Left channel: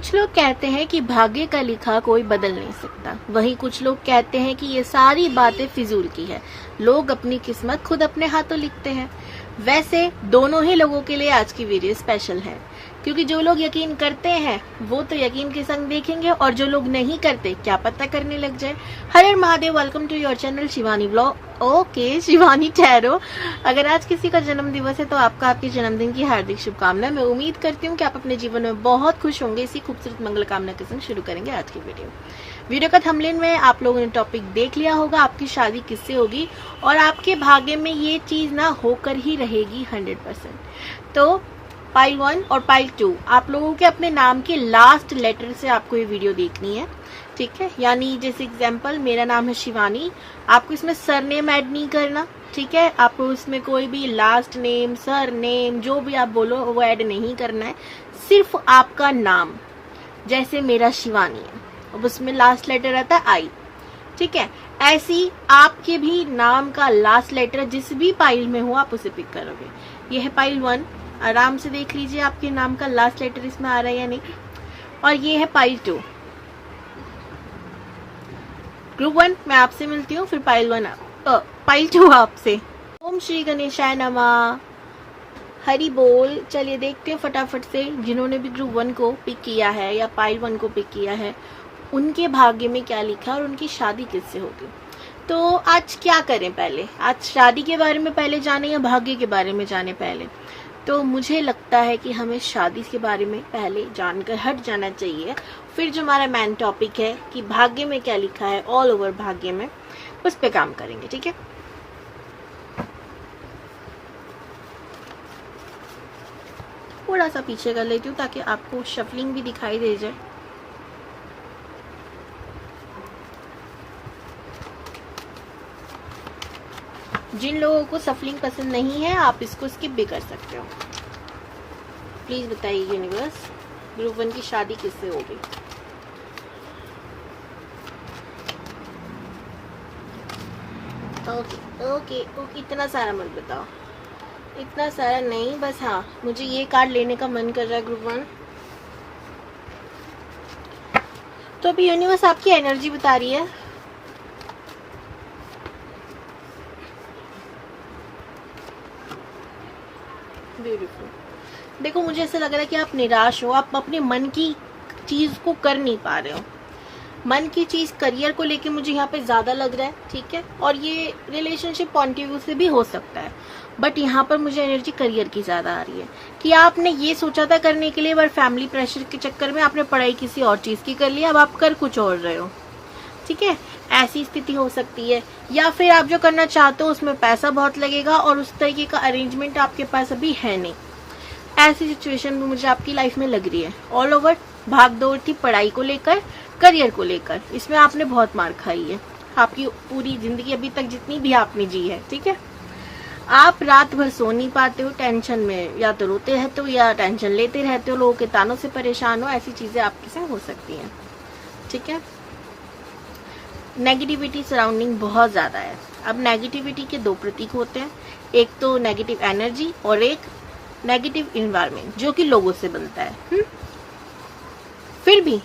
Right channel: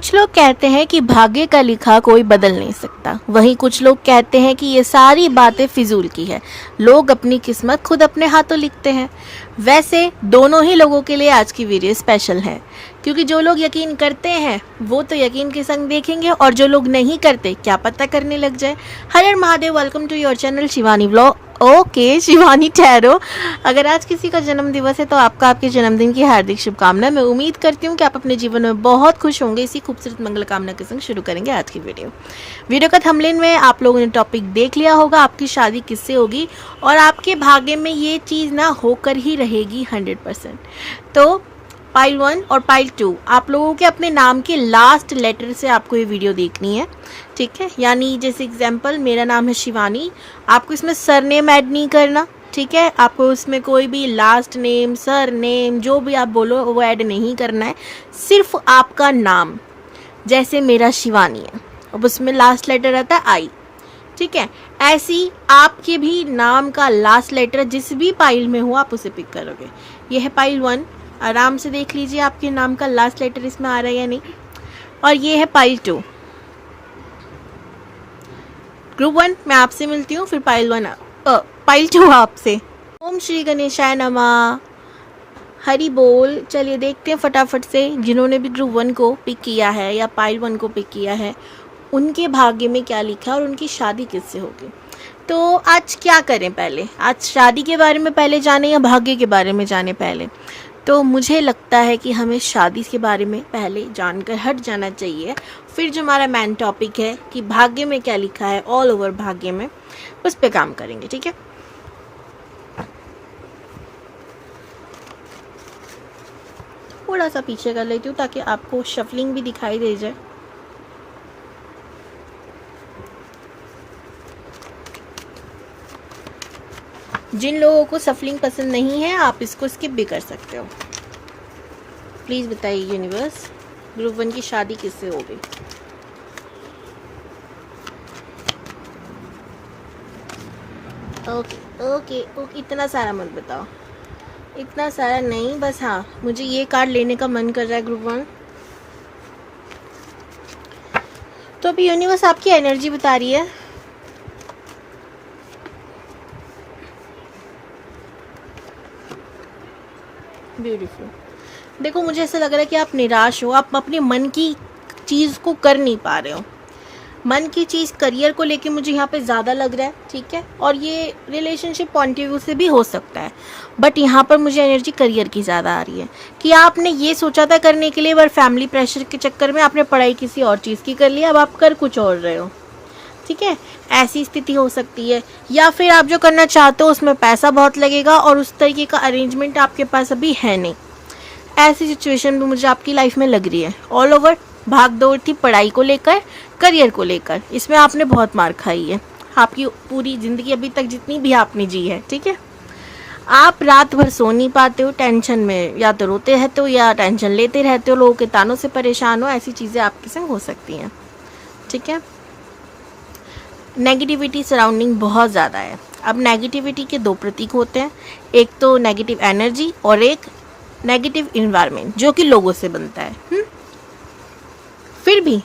कुछ लोग कहते हैं कि भाग्य का लिखा कोई बदल नहीं सकता, वहीं कुछ लोग कहते हैं कि ये सारी बातें फिजूल की है, लोग अपनी किस्मत खुद अपने हाथों लिखते हैं। वैसे दोनों ही लोगों के लिए आज की वीडियो स्पेशल है, क्योंकि जो लोग यकीन करते हैं वो तो यकीन के संग देखेंगे, और जो लोग नहीं करते क्या पता करने लग जाए। हर हर Mahadev, welcome to your channel Shivani vlog. Okay Shivani ठहरो, अगर आज किसी का जन्म दिवस है तो आपका आपके जन्मदिन की हार्दिक शुभकामनाएं। मैं उम्मीद करती हूँ कि आप अपने जीवन में बहुत खुश होंगे। इसी खूबसूरत मंगल कामना के संग शुरू करेंगे आज की वीडियो का थंबनेल में आप लोगों ने टॉपिक देख लिया होगा, आपकी शादी किससे होगी, और आपके भाग्य में ये चीज़ ना होकर ही रहेगी 100%। तो पाइल 1 और पाइल 2 आप लोगों के अपने नाम के लास्ट लेटर से आपको ये वीडियो देखनी है, ठीक है। यानी जैसे एग्जांपल, मेरा नाम है शिवानी, आपको इसमें सरनेम ऐड नहीं करना, ठीक है। आपको उसमें कोई भी लास्ट नेम, सर नेम, जो भी आप बोलो वो ऐड नहीं करना है, सिर्फ आपका नाम। जैसे मेरा शिवानी है, अब उसमें लास्ट लेटर आता है आई, ठीक है। ऐसी आपके भी नाम का लास्ट लेटर जिस भी पाइल में हो आप उसे पिक करोगे। यह है पाइल 1, आराम से देख लीजिए आपके नाम का लास्ट लेटर इसमें आ रहा है या नहीं। और ये है पाइल 2। ग्रुप 1 मैं आपसे मिलती हूँ, फिर पाइल 2 आपसे। ओम श्री गणेशाय नमः, हरि बोल। चलिए देखते हैं फटाफट से जिन्होंने भी ग्रुप 1 को पिक किया है या पाइल 1 को पिक किया है, उनके भाग्य में क्या लिखा है और उनकी शादी किससे होगी। तो आज क्या करें, पहले आज शादी के बारे में पहले जाने या भाग्य के बारे में जाने पहले। तो मुझे लगता है कि हमें शादी के बारे में पहले जानकर हट जाना चाहिए, फिर जो हमारा मेन टॉपिक है कि भाग्य में क्या लिखा है, ऑल ओवर भाग्य में, उस पे काम करेंगे, ठीक है। थोड़ा सा पीछे कर लेती हूँ ताकि आपको शफलिंग भी दिखाई दे जाए। जिन लोगों को सफलिंग पसंद नहीं है आप इसको स्किप भी कर सकते हो। प्लीज बताइए यूनिवर्स, ग्रुप 1 की शादी किससे होगी। ओके, इतना सारा मत बताओ, इतना सारा नहीं, बस हाँ मुझे ये कार्ड लेने का मन कर रहा है ग्रुप 1। तो अभी यूनिवर्स आपकी एनर्जी बता रही है। ब्यूटीफुल। देखो मुझे ऐसा लग रहा है कि आप निराश हो, आप अपने मन की चीज को कर नहीं पा रहे हो। मन की चीज करियर को लेके मुझे यहाँ पे ज्यादा लग रहा है, ठीक है। और ये रिलेशनशिप पॉइंट ऑफ व्यू से भी हो सकता है, बट यहाँ पर मुझे एनर्जी करियर की ज्यादा आ रही है कि आपने ये सोचा था करने के लिए, पर फैमिली प्रेशर के चक्कर में आपने पढ़ाई किसी और चीज की कर ली, अब आप कर कुछ और रहे हो, ठीक है। ऐसी स्थिति हो सकती है, या फिर आप जो करना चाहते हो उसमें पैसा बहुत लगेगा और उस तरीके का अरेंजमेंट आपके पास अभी है नहीं। ऐसी सिचुएशन भी मुझे आपकी लाइफ में लग रही है। ऑल ओवर भाग दौड़ थी पढ़ाई को लेकर, करियर को लेकर, इसमें आपने बहुत मार खाई है। आपकी पूरी जिंदगी अभी तक जितनी भी आपने जी है, ठीक है। आप रात भर सो नहीं पाते हो, टेंशन में या तो रोते रहते हो या टेंशन लेते रहते हो, लोगों के तानों से परेशान हो, ऐसी चीजें आपके संग हो सकती हैं, ठीक है। नेगेटिविटी सराउंडिंग बहुत ज़्यादा है। अब नेगेटिविटी के दो प्रतीक होते हैं, एक तो नेगेटिव एनर्जी और एक नेगेटिव इन्वायरमेंट, जो कि लोगों से बनता है। फिर भी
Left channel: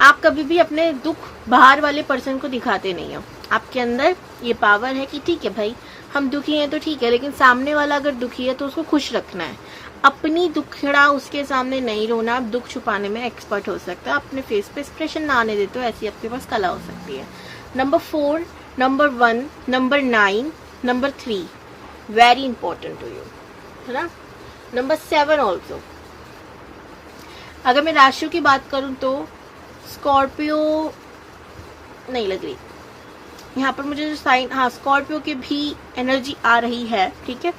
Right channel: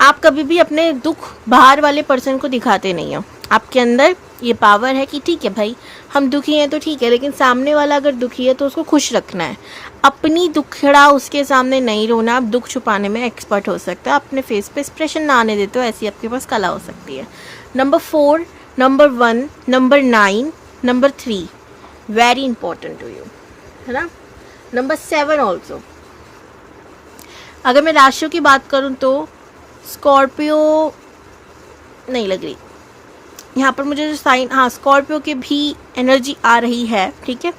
आप कभी भी अपने दुख बाहर वाले पर्सन को दिखाते नहीं हो। आपके अंदर ये पावर है कि ठीक है भाई हम दुखी हैं तो ठीक है, लेकिन सामने वाला अगर दुखी है तो उसको खुश रखना है। अपनी दुखड़ा उसके सामने नहीं रोना। आप दुख छुपाने में एक्सपर्ट हो सकते हो, अपने फेस पे एक्सप्रेशन ना आने देते हो, ऐसी आपके पास कला हो सकती है। Number 4, number 1, number 9, number 3 very important to you, है ना। Number 7 also. अगर मैं राशियों की बात करूं तो स्कॉर्पियो नहीं लग रही यहाँ पर मुझे, जो साइन, हाँ स्कॉर्पियो की भी एनर्जी आ रही है, ठीक है।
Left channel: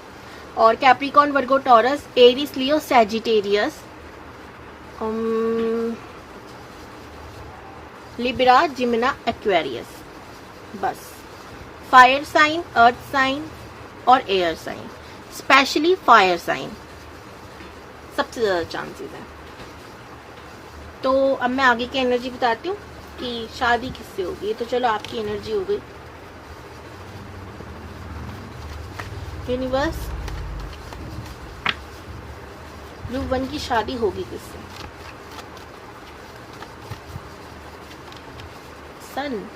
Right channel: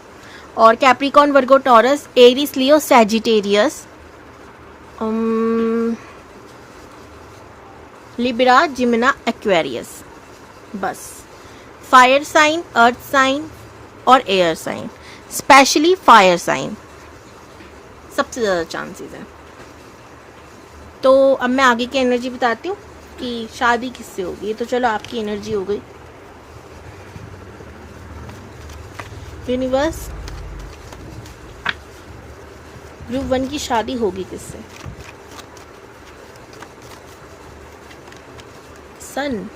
और Capricorn, Virgo, Taurus, Aries, Leo, Sagittarius, Libra, Gemini, Aquarius, बस। फायर साइन, अर्थ साइन और air sign, specially fire sign सबसे ज्यादा चांसेस है। तो अब मैं आगे की एनर्जी बताती हूँ कि शादी किससे होगी। तो चलो आपकी एनर्जी हो गई। यूनिवर्स, ग्रुप 1 की शादी होगी किससे। सन।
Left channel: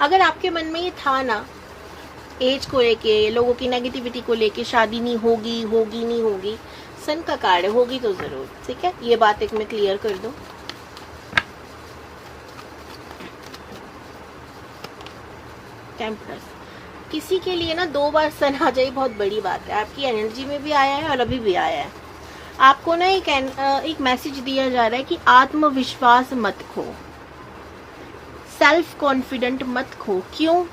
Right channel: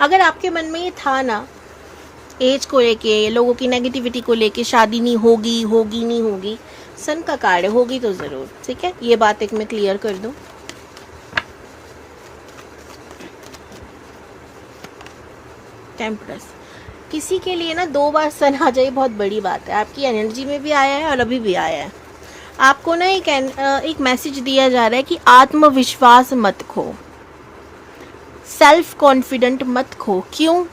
अगर आपके मन में ये था ना, एज को लेके, लोगों की नेगेटिविटी को लेके, शादी नहीं होगी, होगी नहीं होगी, सन का कार्ड है, होगी तो जरूर। ठीक है, ये बात एक मैं क्लियर कर दूं। टेम्परस, किसी के लिए ना 2 बार सन आ जाए बहुत बड़ी बात है। आपकी एनर्जी में भी आया है और अभी भी आया है। आपको ना एक मैसेज दिया जा रहा है कि आत्मविश्वास मत खो, सेल्फ कॉन्फिडेंट मत खो। क्यों?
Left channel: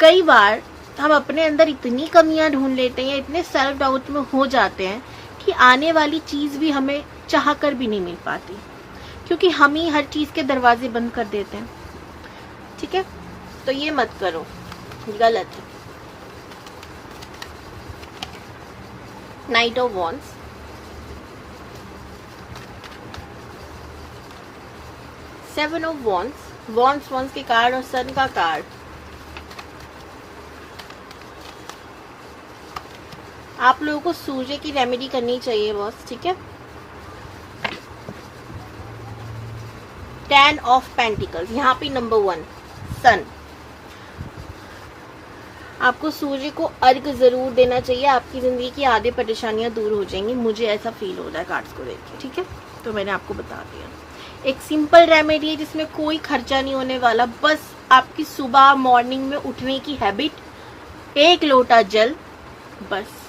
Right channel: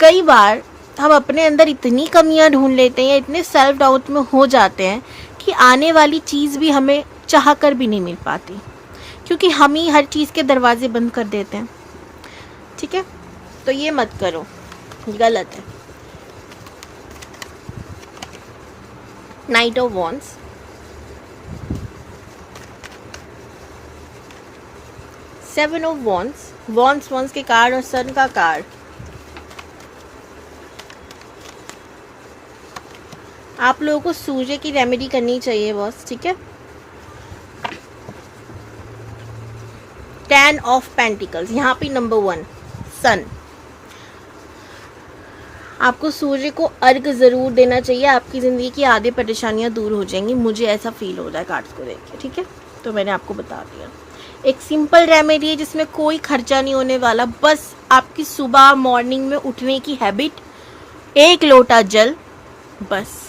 कई बार हम अपने अंदर इतनी कमियां ढूंढ लेते हैं या इतने सेल्फ डाउट में हो जाते हैं कि आने वाली चीज़ भी हमें चाह कर भी नहीं मिल पाती, क्योंकि हम ही हर चीज़ के दरवाजे बंद कर देते हैं। ठीक है, तो ये मत करो, गलत है। Night of wands, seven of wands, wands के कार्ड और सन का कार्ड। आप लोगों को सूर्य की रेमेडी करनी चाहिए बॉस। ठीक है, 10 ऑफ पेंटिकल्स, यहाँ पे नंबर 1 सन। आपको सूर्य को अर्घ जरूर देना चाहिए, आपकी जिंदगी की आधी परेशानियां दूर हो जाएंगी। मुझे ऐसा फील हो रहा है कार्ड्स को देख के। ठीक है, तो मैंने आपको बता दिया। एक सिंपल रेमेडी है जिसमें कोई खर्चा नहीं होने वाला। बस आपकी सुबह मॉर्निंग में उठने की हैबिट, 1 लोटा जल, बस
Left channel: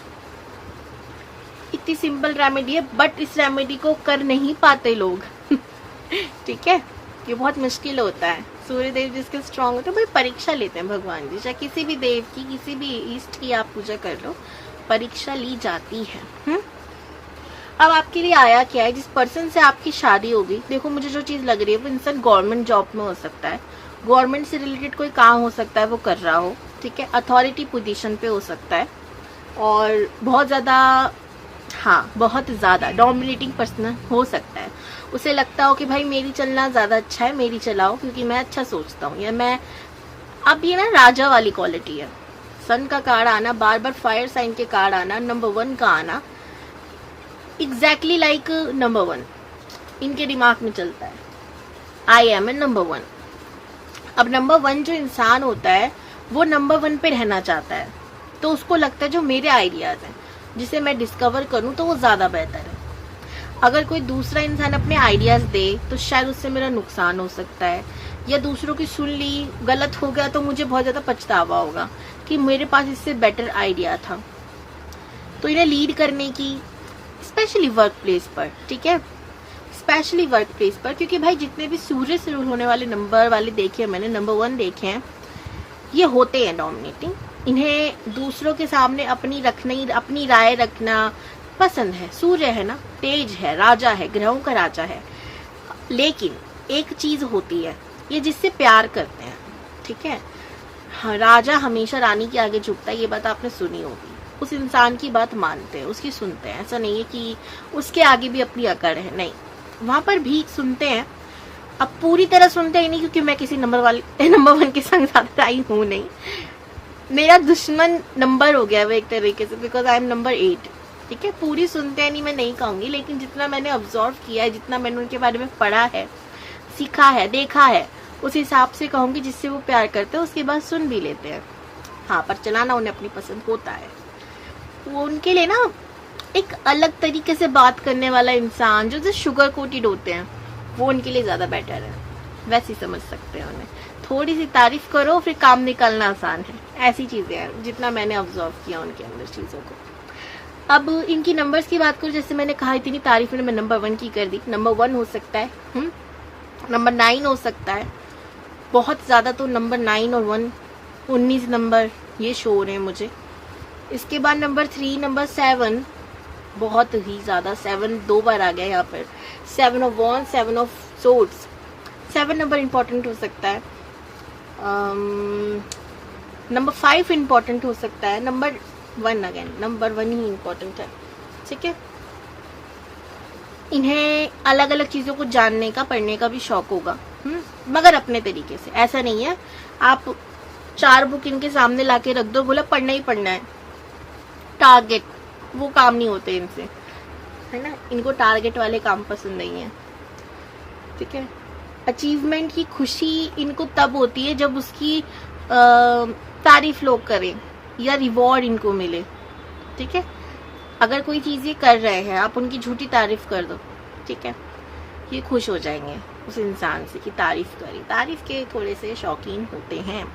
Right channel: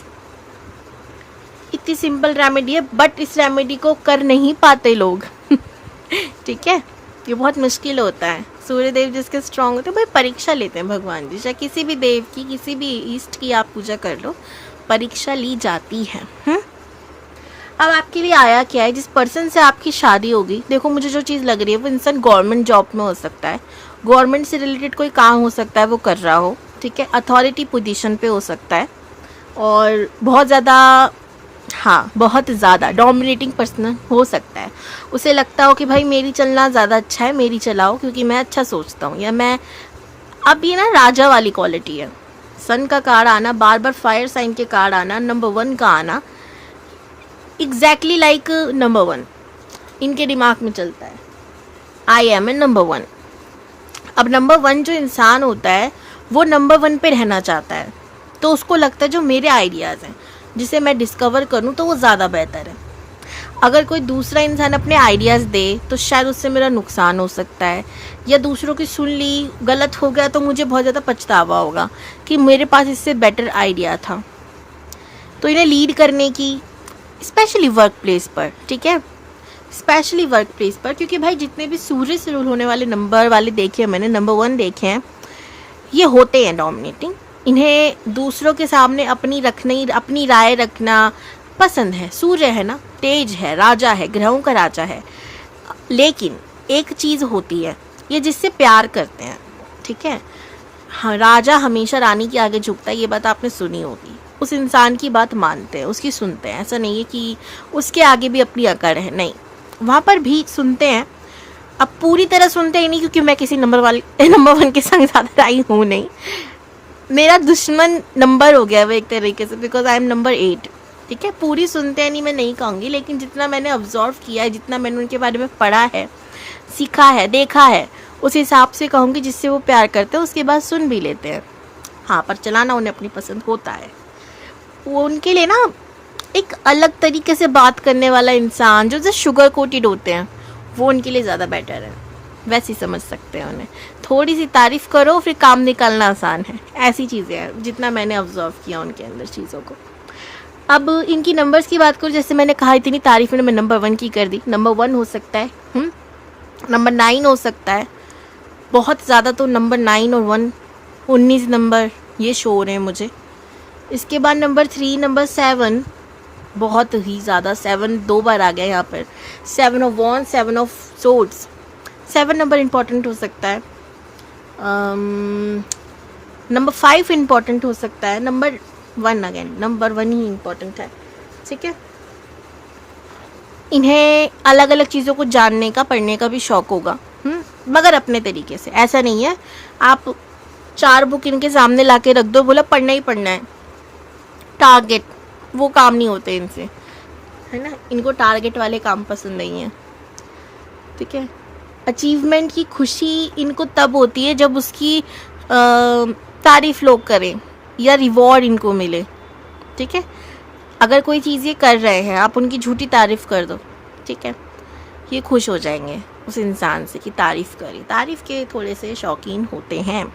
इतनी सिंपल रेमेडी है। बट इस रेमेडी को कर नहीं पाते लोग। ठीक है, ये बहुत मुश्किल होता है। सूर्य देव जिसके स्ट्रांग होते हैं, भाई परीक्षा लेते हैं भगवान जी। चाहे किसी भी देव की, किसी भी ईस्ट की आप पूजा कर लो, परीक्षा ली जाती है। अब आपके लिए आया क्या है? जिस पर्सन से आपकी शादी होगी, देखो मुझे जो चीज़ लग रही है वो इंसान गवर्नमेंट जॉब में हो सकता है, गवर्नमेंट से रिलेटेड कोई काम हो सकता है वो कर रहा हो। ठीक है, अथॉरिटी पोजीशन पे हो सकता है और बहुत ज़्यादा डोमिनेटिंग पर्सन हो सकता है। उसे लगता हो कि भाई मेरी चलना ज़्यादा अच्छा है, मेरी चलाओ क्योंकि मैं अच्छा सोचता हूँ, या मैं, अब ये ना राजा वाली क्वालिटी है। सन का कार्ड आना, बार बार फायर साइन के कार्ड आना, नंबर 1 का आना, एग्जैक्टली लाइक नंबर 1 इनके दिमाग में चलता है, आई एम ए नंबर 1। अब नंबर 1 जो इंसान होता है वो नंबर 1 पे रहना चाहता है, तो उसको लगता है जो मेरे आइडियाज़ हैं जिसे मैं डिस्कवर करूं तो वो ज़्यादा बेहतर है। अगर कोई दूसरा इंसान अपने आइडियाज़ दे तो शायद उससे मेरा नुकसान हो सकता है, या दूसरों की सुन ली, गलत हो गया तो मुझे बहुत ज़्यादा पछतावा होगा कि मेरे पास इससे बेटर आइडिया था। तो इन्हें लीड करने की, स्पेशली वर्क प्लेस पर, ठीक है, स्पेशली वर्क प्लेस पर, क्योंकि भाई जितने भी सूर्य से रूल होने वाले नंबर वाले देखे हैं मैंने, नंबर 1 देखे हैं, ये होते हैं डोमिनेटिंग। इन्हें दूसरों के सामने अपनी राय रखना पसंद है। सूर्य है ना, तेज है, राजा है, ग्रहों का राजा है। लेकिन एक चीज़ होती है, ये जिससे प्यार करते हैं, ठीक है, हाँ, राजा हमेशा रानी के आगे झुकता है, ये बात आपने सुनी होगी। उस इंसान की बात मानते हैं, उसकी सुनते हैं। ऐसा नहीं है कि उसके आगे भी अपनी अकड़ है, नहीं, वहाँ पर भी सुनते हैं। अब पूरी तरह सुनते ही नहीं, क्योंकि मैं किसी नंबर 1 के संग ज़्यादा आई हूँ नहीं, मेरा दुश्मन नंबर हो गया वो एक तरीके से, बिकॉज आई एम नंबर 8। ठीक है, पूरी सुनते हैं नहीं, मैं नहीं कहूँगी, लेकिन जितना मैंने ऑब्जर्व किया है, जितना मैंने उनके बारे में पढ़ा है, सीखा है, देखा है, उस हिसाब से कहूँगी जिससे वो प्यार करते हैं उसके बाद सुन भी लेते हैं। हाँ, पर चलाना उन्हें अपनी पसंद होता है। वो उनके लिए ना एक अलग तरीके से बात करने वाला इंसान जो शुगर कोटेड होते हैं, वो उनके लिए ज़्यादा बेटर है। वैसे ही समझ सकते हैं उन्हें। थोड़ी सी तारीफ करो फिर काम निकालना आसान है, ऐसी चीज़ें हैं जितना मैंने ऑब्जर्व किया उनके अंदर चीज़ों को। अब इनकी नंबर्स की बात करूँ, जैसे मैंने कहा इतनी तारीफ मैं नंबर 1 की कर दी। नंबर 1 हो सकता है, नंबर 9 हो सकता है, बहुत ज़्यादा तो नंबर 9 और 1 19 नंबर ये शो हो रहे हैं मुझे। इसके बाद नंबर 3, नंबर 7, बहुत ही ज़्यादा 7 2 बार आ गया यहाँ पर। 7 of wands, 7 of swords, 7 number important हो सकता है। नंबर 5 इम्पॉर्टेंट हो सकता है। नंबर 1 अगेन, नंबर 1 ही इम्पॉर्टेंट है। ठीक है, इन्हें अलग अलग चीज़ों को जानने का, पढ़ने का भी शौक होगा, मगर अपने तरीके से। ऐसा नहीं है आप 4 बुक इनके सामने ला के रख दो, बोला पढ़ना ही पढ़ना है, टारगेट, वो काम नहीं होते इनसे, है ना। इनको टारगेट वाले काम पसंद नहीं है। ठीक है, अचीवमेंट की खुशी इनको तब होती है जब उसकी तारीफ लोग करें या रिवॉर्ड इनको मिले। ठीक है, अगर कोई चीज़ ये कर रहे हैं, आप उनकी झूठी तारीफ कर दो, ठीक है, ये खुश हो जाएंगे उस इंसान से कि तारीफ करी। तारीफ के थोड़े से शौकीन होते हैं।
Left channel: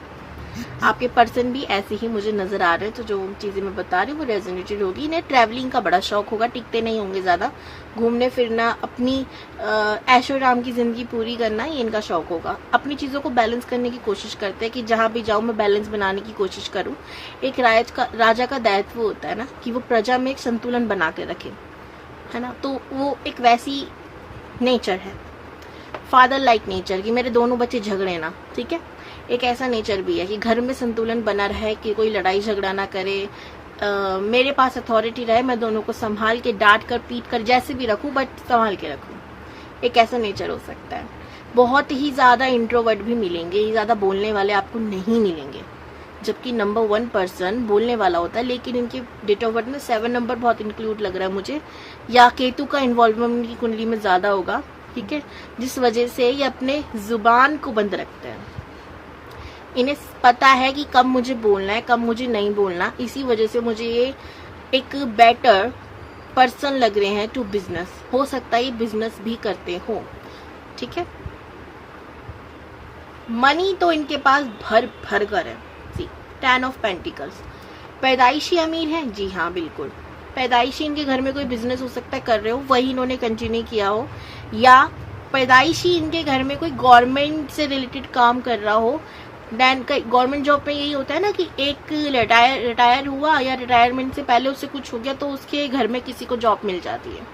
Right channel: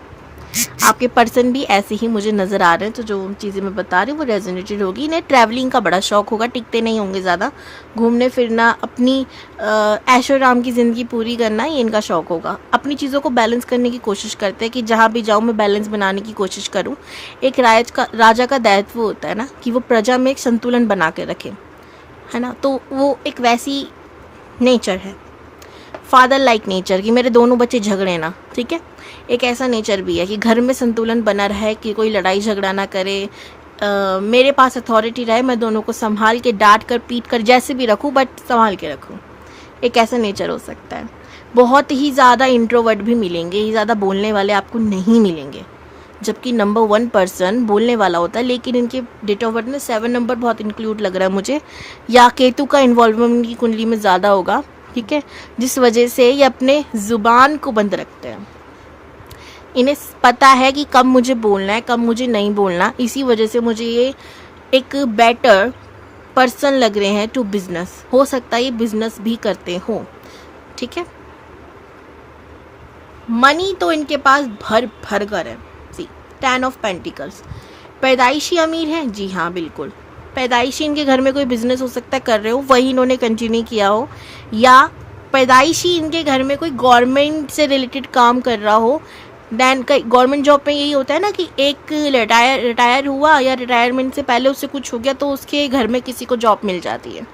आपके पर्सन भी ऐसे ही मुझे नज़र आ रहे हैं, तो जो चीज़ें मैं बता रही हूँ वो रेजोनेटेड होगी। इन्हें ट्रैवलिंग का बड़ा शौक होगा, टिकते नहीं होंगे ज़्यादा, घूमने फिरना, अपनी ऐशो आराम की ज़िंदगी पूरी करना, ये इनका शौक होगा। अपनी चीज़ों को बैलेंस करने की कोशिश करते हैं कि जहाँ भी जाऊँ मैं बैलेंस बनाने की कोशिश करूँ। एक राजा का दायित्व होता है ना कि वो प्रजा में एक संतुलन बना के रखे, है ना। तो वो एक वैसी नेचर है, फादर लाइक नेचर, कि मेरे दोनों बच्चे झगड़े ना, ठीक है। एक ऐसा नेचर भी है कि घर में संतुलन बना रहे, कि कोई लड़ाई झगड़ा ना करे, मेरे पास अथॉरिटी रहे, मैं दोनों को संभाल के, डांट कर, पीट कर, जैसे भी रखूं, बट संभाल के रखूं। एक ऐसा नेचर हो सकता है। बहुत ही ज़्यादा इंट्रोवर्ट भी मिलेंगे, ये ज़्यादा बोलने वाले आपको नहीं मिलेंगे, जबकि नंबर 1 पर्सन बोलने वाला होता है। लेकिन इनके डेट ऑफ बर्थ में 7 नंबर बहुत इंक्लूड लग रहा है मुझे, या केतु का इन्वॉल्वमेंट की कुंडली में ज़्यादा होगा, ठीक है, जिस वजह से ये अपने ज़ुबान को बंद रखते हैं। इन्हें पता है कि कब मुझे बोलना है, कब मुझे नहीं बोलना। इसी वजह से मुझे ये एक बेटर पर्सन लग रहे हैं टू बिजनेस। हो सकता है ये बिजनेस भी करते हो, ठीक है। मनी तो इनके पास भर भर कर है। सी 10 ऑफ पेंटिकल्स। पैदाइशी अमीर है, जी हाँ बिल्कुल। पैदाइशी इनके घर में कोई बिजनेस हो सकता है कर रहे हो, वही इन्होंने कंटिन्यू किया हो, या पैदाइशी इनके घर में कोई गवर्नमेंट से रिलेटेड काम कर रहा हो। देन गवर्नमेंट जॉब पे यही होता है ना कि एक रिटायर हुआ, या रिटायरमेंट से पहले उससे कुछ हो गया तो उसके घर में किसी को जॉब मिल जाती है।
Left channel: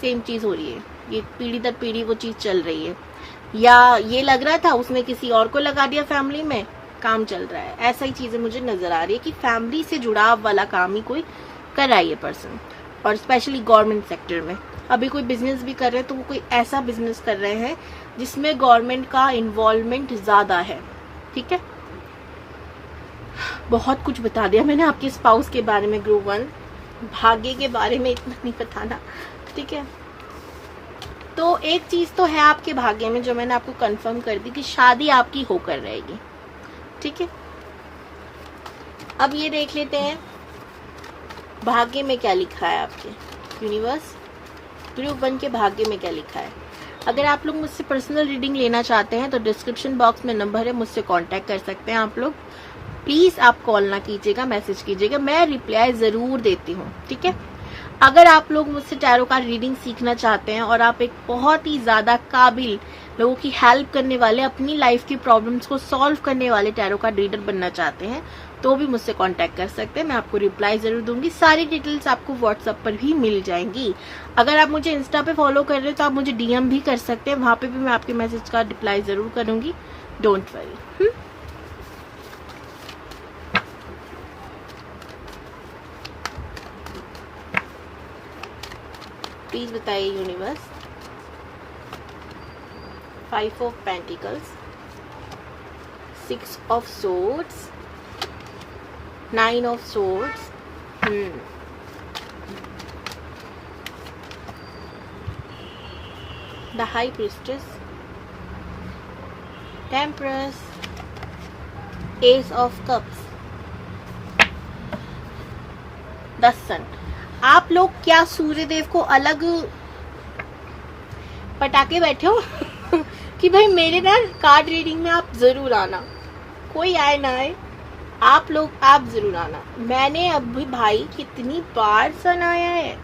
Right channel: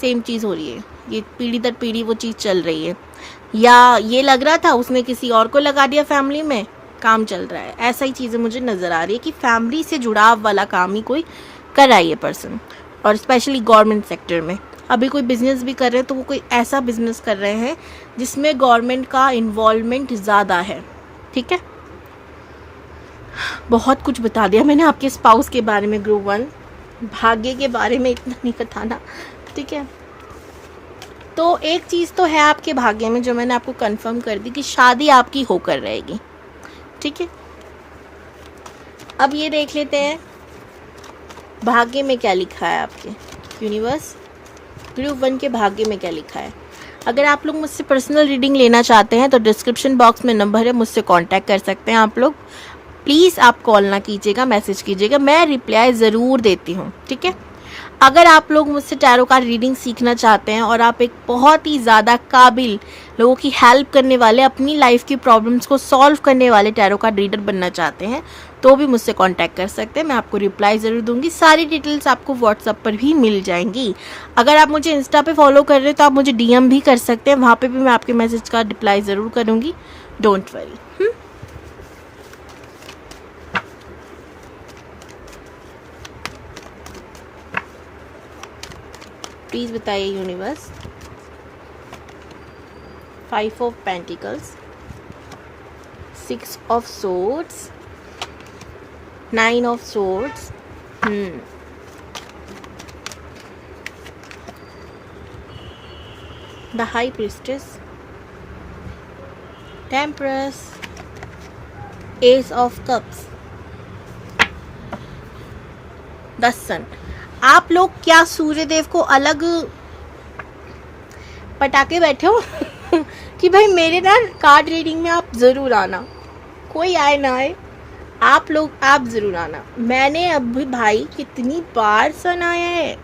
सेम चीज़ हो रही है, ये पीढ़ी दर पीढ़ी वो चीज़ चल रही है। या ये लग रहा था, उसने किसी और को लगा दिया, फैमिली में काम चल रहा है। ऐसा ही चीज़ें मुझे नज़र आ रही है कि फैमिली से जुड़ाव वाला काम ही कोई कर रहा है ये पर्सन, और स्पेशली गवर्नमेंट सेक्टर में। अभी कोई बिजनेस भी कर रहे हैं तो वो कोई ऐसा बिजनेस कर रहे हैं जिसमें गवर्नमेंट का इन्वॉल्वमेंट ज़्यादा है, ठीक है। बहुत कुछ बता दिया मैंने आपके स्पाउस के बारे में, ग्रुप 1 भाग्य के बारे में इतना नहीं बताना, ठीक है। तो एक चीज़ तो है आपके भाग्य में जो मैंने आपको कंफर्म कर दी कि शादी आपकी होकर रहेगी, ठीक है। अब ये देख लेते हैं भाग्य में क्या लिखा है आपके। यूनिवर्स, ग्रुप 1 के भाग्य में क्या लिखा है। अगर आप लोग मुझसे पर्सनल रीडिंग लेना चाहते हैं तो डिस्क्रिप्शन बॉक्स में नंबर है, मुझसे कांटेक्ट कर सकते हैं आप लोग। प्लीज़ आप कॉल ना कीजिएगा, मैसेज कीजिएगा, मैं रिप्लाई ज़रूर देती हूँ, ठीक है। अगर आप लोग मुझसे टैरो कार्ड रीडिंग सीखना चाहते हैं और आप एक बहुत ही ज़्यादा काबिल, लोगों की हेल्प करने वाले, अपनी लाइफ की प्रॉब्लम्स को सॉल्व करने वाले टैरो कार्ड रीडर बनना चाहते हैं तो भी मुझसे कांटेक्ट कर सकते हैं, मैं आपको रिप्लाई ज़रूर दूंगी। सारी डिटेल्स आपको व्हाट्सएप पर भी मिल जाएंगी। अगर आप मुझे इंस्टा पे फॉलो कर रहे हैं तो आप मुझे डीएम भी कर सकते हैं, वहाँ पे भी मैं आपके मैसेज का रिप्लाई ज़रूर करूँगी, डोंट वरी। प्लीज़ बताइए universe. 5 of pentacles, 6 of swords, 9 of swords, the high priestess, temperance, ace of cups, the sun. आप लोग क्या सूर्यदेव को अलग पटाके बैठे हो कि भाई मेरे ना कार्ड रीडिंग में आप जरूर आना, कोई आए ना आए, आप लोग आप जरूर आना। मैंने अभी भाई कितनी बार सन आया है,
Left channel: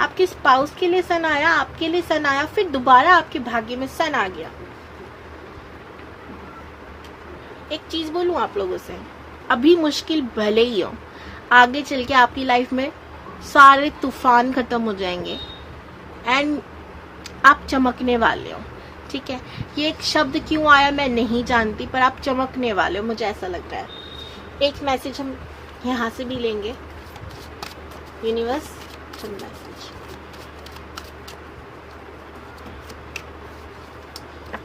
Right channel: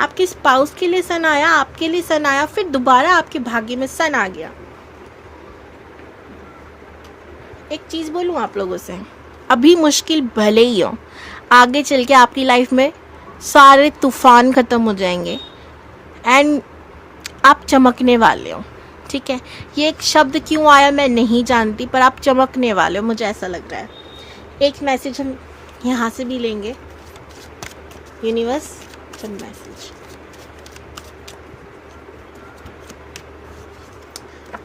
आपके स्पाउस के लिए सन आया, आपके लिए सन आया, फिर दोबारा आपके भाग्य में सन आ गया। एक चीज बोलूं आप लोगों से, अभी मुश्किल भले ही हो, आगे चल के आपकी लाइफ में सारे तूफान खत्म हो जाएंगे एंड आप चमकने वाले हो, ठीक है। ये एक शब्द क्यों आया मैं नहीं जानती, पर आप चमकने वाले हो, मुझे ऐसा लग रहा है। एक मैसेज हम यहाँ से भी लेंगे। यूनिवर्स, सब मैसेज।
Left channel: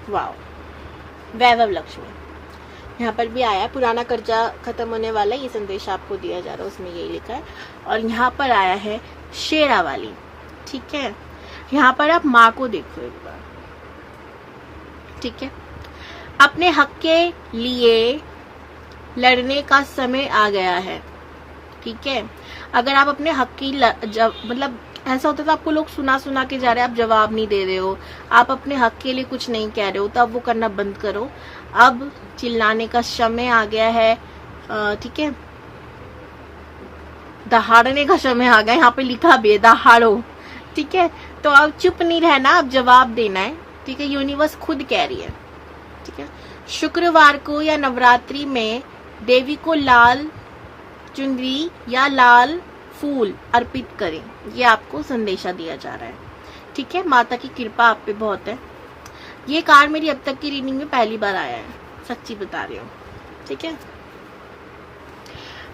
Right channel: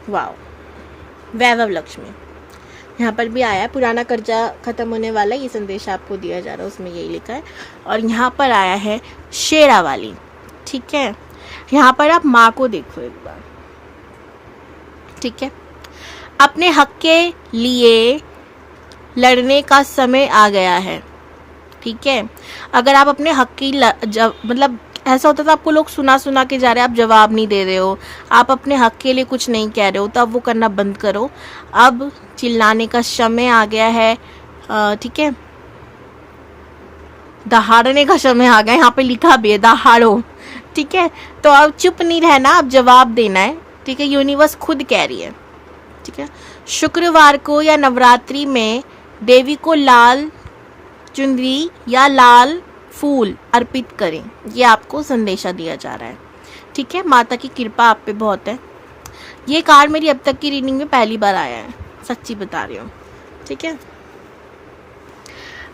वाओ, वैभव लक्ष्मी यहाँ पर भी आया है। पुराना कर्जा खत्म होने वाला है, ये संदेश आपको दिया जा रहा है, उसमें यही लिखा है। और यहाँ पर आया है शेरा वाली, ठीक है। यहाँ पर आप माँ को देखो एक बार, ठीक है। अपने हक के लिए लड़ने का समय आ गया है। ठीक है। अगर आप अपने हक की मतलब ऐसा होता था आपको लोग सुना सुना के जा रहे हैं, आप जवाब नहीं दे रहे हो, आप अपने हक के लिए कुछ नहीं कह रहे हो, तो अब वो करना बंद करो। अब चिल्लाने का समय आ गया है। ठीक है। दहाड़ने का समय आ गया, यहाँ पे लिखा भी है दहाड़ो। ठीक है। तो अब चुप नहीं रहना, अब जवाब देना है। ठीक है। यूनिवर्स खुद कह रही है। ठीक है। शुक्रवार को या नवरात्रि में देवी को लाल चुनरी या लाल फूल अर्पित करें, ये आपको संदेशा दिया जा रहा है। ठीक है। माता की कृपा आप पे बहुत है। ये कार्ड मेरी अब तक की रीडिंग में पहली बार आया है, सच्ची बता रही हूँ। ठीक है।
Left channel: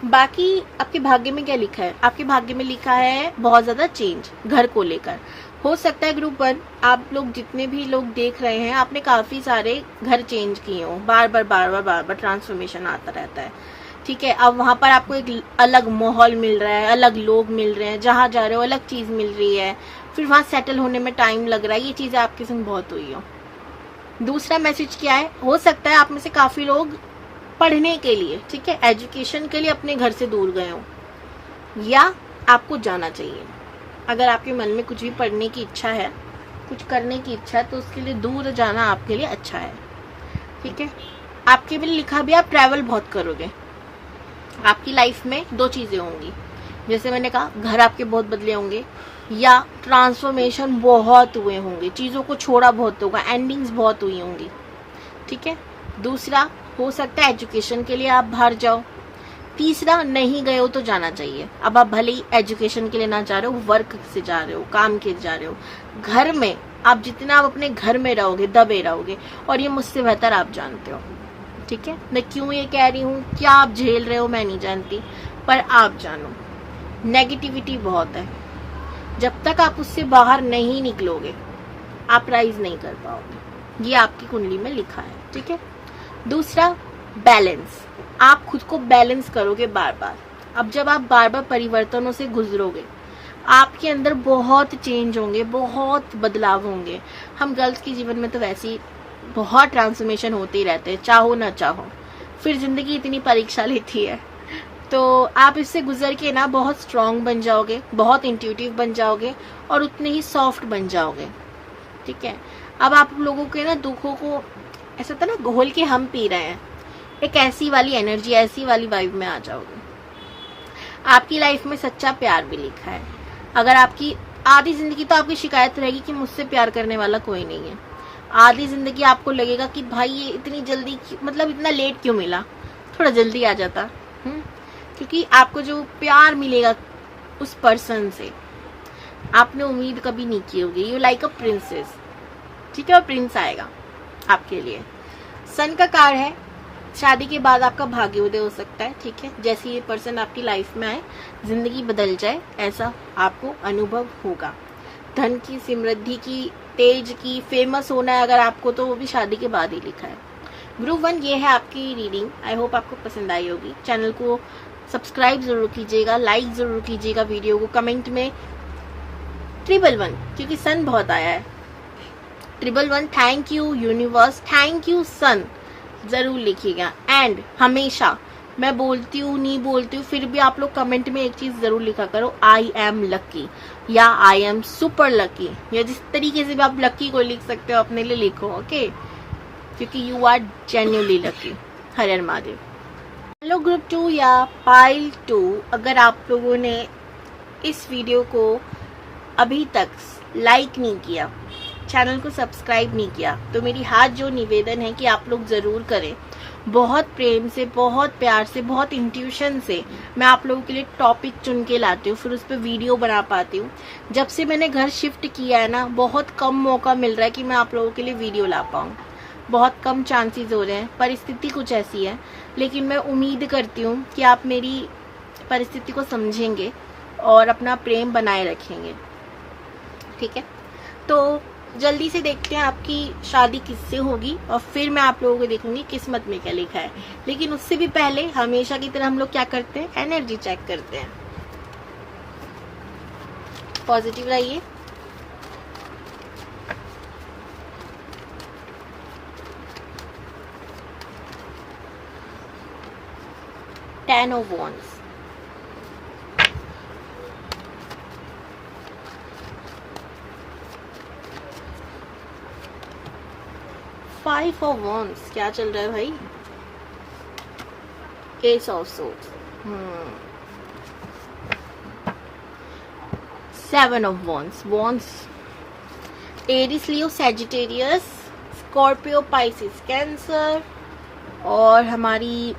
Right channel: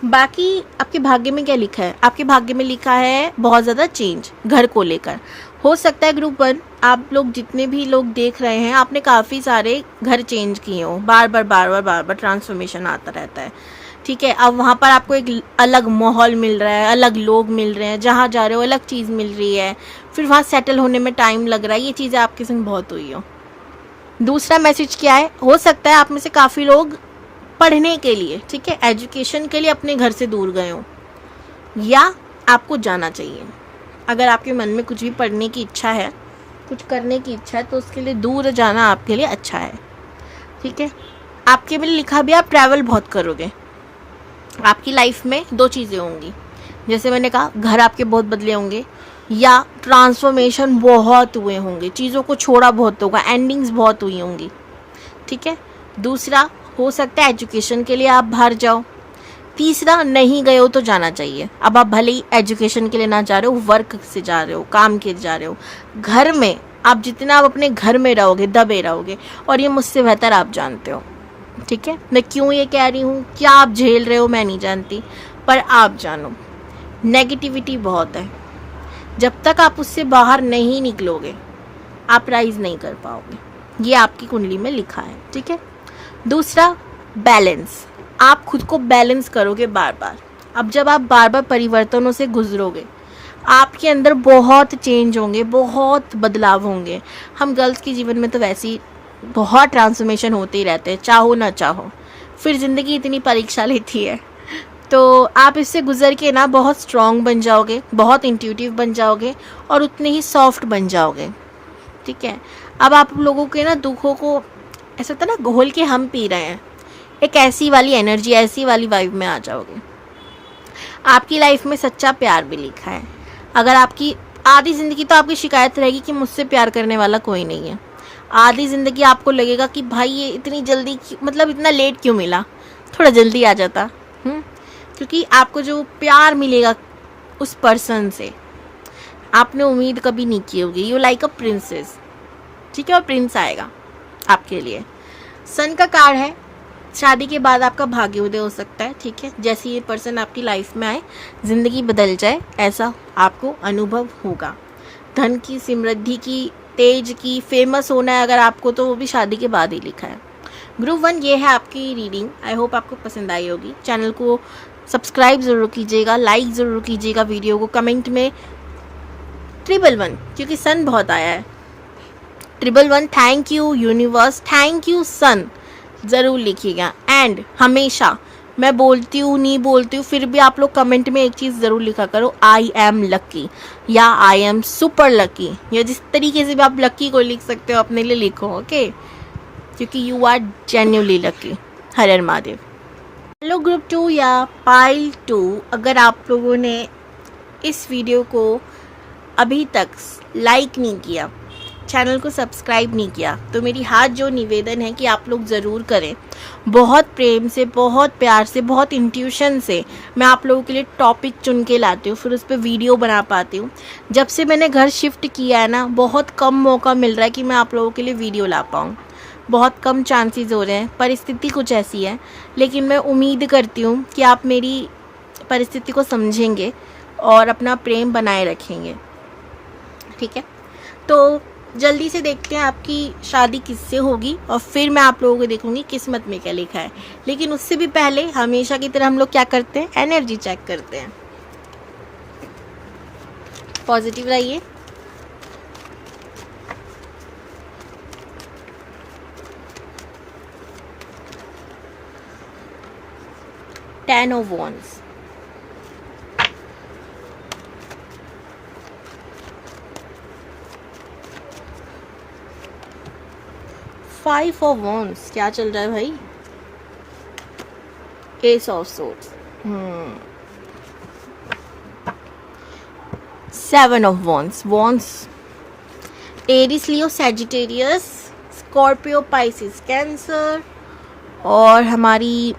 बाकी आपके भाग्य में क्या लिखा है? आपके भाग्य में लिखा है बहुत ज़्यादा चेंज घर को लेकर। हो सकता है ग्रुप 1 आप लोग जितने भी लोग देख रहे हैं, आपने काफ़ी सारे घर चेंज किए हो, बार बार ट्रांसफॉर्मेशन आता रहता है। ठीक है। अब वहाँ पर आपको एक अलग माहौल मिल रहा है, अलग लोग मिल रहे हैं, जहाँ जा रहे हो अलग चीज़ मिल रही है, फिर वहाँ सेटल होने में टाइम लग रहा है। ये चीज़ें आपके संग बहुत हुई हो। दूसरा मैसेज क्या है? हो सकता है आप में से काफ़ी लोग पढ़ने के लिए, ठीक है, एजुकेशन के लिए अपने घर से दूर गए हो, या आपको जाना चाहिए। अगर आपके मन में कुछ भी पढ़ने की इच्छा है, कुछ करने की इच्छा है, तो उसके लिए दूर जाना आपके लिए अच्छा है। ठीक है। आपके लिए लिखा भी आप ट्रैवल बहुत करोगे। आपकी लाइफ में 2 चीज़ें होंगी, जैसे मैंने कहा घर आपके बहुत बदले होंगे, या ट्रांसफॉर्मेशन बहुत हुए होंगे, चीज़ों को छोड़ा बहुत होगा, एंडिंग्स बहुत हुई होंगी। ठीक है। दूसरा हो सकता है एजुकेशन के लिए आप बाहर जाओ। तीसरा नहीं गए हो तो जाना चाहिए। अब आप भले ही एजुकेशन के लिए ना जा रहे हो, वर्क से जा रहे हो, काम के जा रहे हो, घर में आप जितना आप अपने घर में रहोगे दबे रहोगे, और ये मुझसे बेहतर आप जानते हो। ठीक है। मैं क्यों ये कह रही हूँ, क्या आप झेल रहे हो मैं नहीं जानती, पर आप जानो नेगेटिविटी बहुत है। जब तक आप उससे बाहर नहीं निकलोगे आप राइज नहीं कर पाओगे। ये आपकी कुंडली में लिखा है। ठीक है। दूसरा बैलेंस, आप खुद को बैलेंस करोगे बार बार। अब जब आप बार बार परिवर्तनों से गुजरोगे, आपके अंदर बहुत चेंज होंगे, बहुत बदलाव होंगे। हम गर्ल्स के जीवन में तो वैसे ही बहुत ट्रांसफॉर्मेशन होते ही रहते हैं, चाहो ना चाहो। फिर ज़िंदगी इतनी परीक्षा लेती है, तो आप इससे गुजर के ना बहुत स्ट्रांग बन जाओगे, बहुत इंट्यूटिव बन जाओगे, और उतने ही सॉफ्ट बन जाओगे। ठीक है। अब आप लोगों के ना दुखों को ऐसा होता है ना घोल के हम पी रहे हैं, एक ऐसी वाली एनर्जी, ऐसी वाली वाइब में आ जाओगे। आपकी लाइफ में सच्चा प्यार भी लिखा है। अगर आपकी आधी ज़िंदगी तो आपकी शिकायत रहेगी कि मुझसे प्यार करने वाला कोई नहीं है। आधी ज़िंदगी आपको लगेगा कि भाई ये इतनी जल्दी, मतलब इतना लेट क्यों मिला, थोड़ा जल्दी आ जाता। क्योंकि आपको जो प्यार मिलेगा उस पर्सन से आपने उम्मीद कभी नहीं की होगी। You like a princess. ठीक है। और प्रिंस आएगा आपके लिए। सन का कार्ड है, शादी के बाद आपका भाग्योदय हो सकता है। ठीक है। जैसे ये पर्सन आपकी लाइफ में आए जिंदगी बदल जाए, ऐसा आपको अनुभव होगा। धन की, समृद्धि की, तेज की, फेमस होना है अगर आपको, तो वो भी शादी के बाद ही लिखा है। ग्रुप 1 ये है आपकी रीडिंग। आई होप आपको पसंद आई होगी। चैनल को सब्सक्राइब ज़रूर कीजिएगा, लाइक ज़रूर कीजिएगा वीडियो को, कमेंट में 111 क्योंकि सन बहुत आया है, 111 thank you universe, thank you sun ज़रूर लिखिएगा। एंड हमेशा मैं बोलती हूँ नहीं बोलती हूँ, फिर भी आप लोग कमेंट में एक चीज़ ज़रूर लिखा करो, आई एम लकी या आई एम सुपर लकी, या जिस तरीके से भी आप लकी को लिख सकते हो अपने लिए लिखो। ओके। क्योंकि यू आर जेन्युइनली लकी। हर हर महादेव। हेलो ग्रुप 2 या पाइल 2, अगर आप लोगों ने इस वीडियो को अभी तक लाइक नहीं किया, चैनल को सब्सक्राइब नहीं किया, तो मेरी हाथ जो निवेदन है कि आप लोग ज़रूर करें। बहुत प्रेम से, बहुत प्यार से, बहुत इंट्यूशन से मैं आप लोगों के लिए टॉपिक चुन के लाती हूँ, फिर उस पर वीडियो बना पाती हूँ। जब से मैंने घर शिफ्ट किया है ना, बहुत कम मौका मिल रहा है कि मैं आप लोगों के लिए वीडियो ला पाऊँ। बहुत कम चांसेस हो रहे हैं, परिस्थिति कुछ ऐसी है, लेकिन मैं उम्मीद करती हूँ कि आप मेरी परिस्थिति को समझेंगे और अपना प्रेम बनाए रखेंगे। ठीक है। तो जल्दी से देखते हैं आपकी शादी किससे होगी, और फिर मैं आप लोगों को देखूंगी किस्मत में क्या लिखा है। लेकिन उससे भी पहले हमेशा की तरह हम लोग क्या करते हैं, एनर्जी चेक करते हैं। पॉजिटिव रहिए। 10 of wands, five of wands, क्या चल रहा है भाई, ace of swords, seven of wands, wands Aries, Leo, Sagittarius, Scorpio, Pisces, Cancer, और हमारी